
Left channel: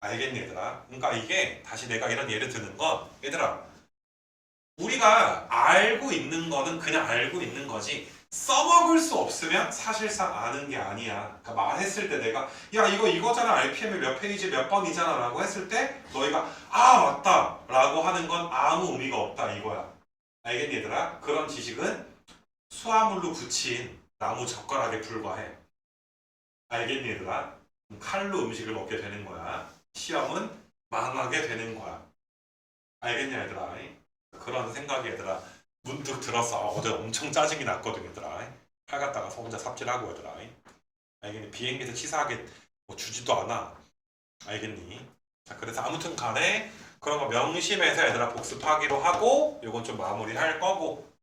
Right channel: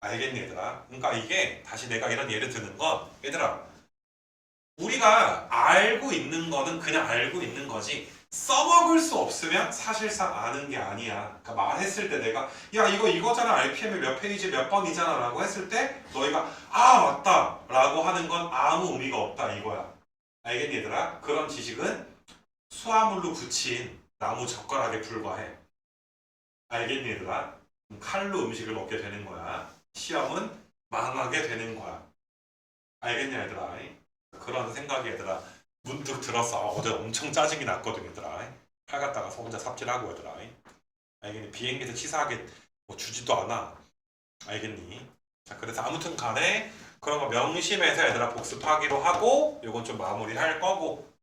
알겠니 얘들아? 그러니까 이게 다시 내가 이런 예를 드는 건 얘들아 우리가 알고 있는 거는 그냥 알고 있는 거지 써먹을 수 없으면 사실상 아는 게 아니야. 그러니까 말했을 때 내가 야 이거잖아 RPM이 몇 페이지 몇 번이잖아 라고 했을 때 너희가 아 맞다 라고 하는 건 아무 의미가 없다 이거야. 알겠니 얘들아? 그런 지식은 수화물로 붙인 나무 젓가락에 불과해. 알겠니 얘들아? 칼로 음식을 먹게 되는 거야. 시험은 망하게 되는 거야. 알겠니 얘들아? 그런 생각이 얘들아 문득 들었어. 어제 엄청 짜증이 났거든 얘들아. 칼 갖다가 혼자 삽질하고 얘들아. 알겠니? 비행기에서 치사하게 뭐 주지도 않아. 알겠니? 자 그래서 아무튼 간에 그런 거 명심해서 얘들아 복습하기로 하고 요건 좀 마무리할 거고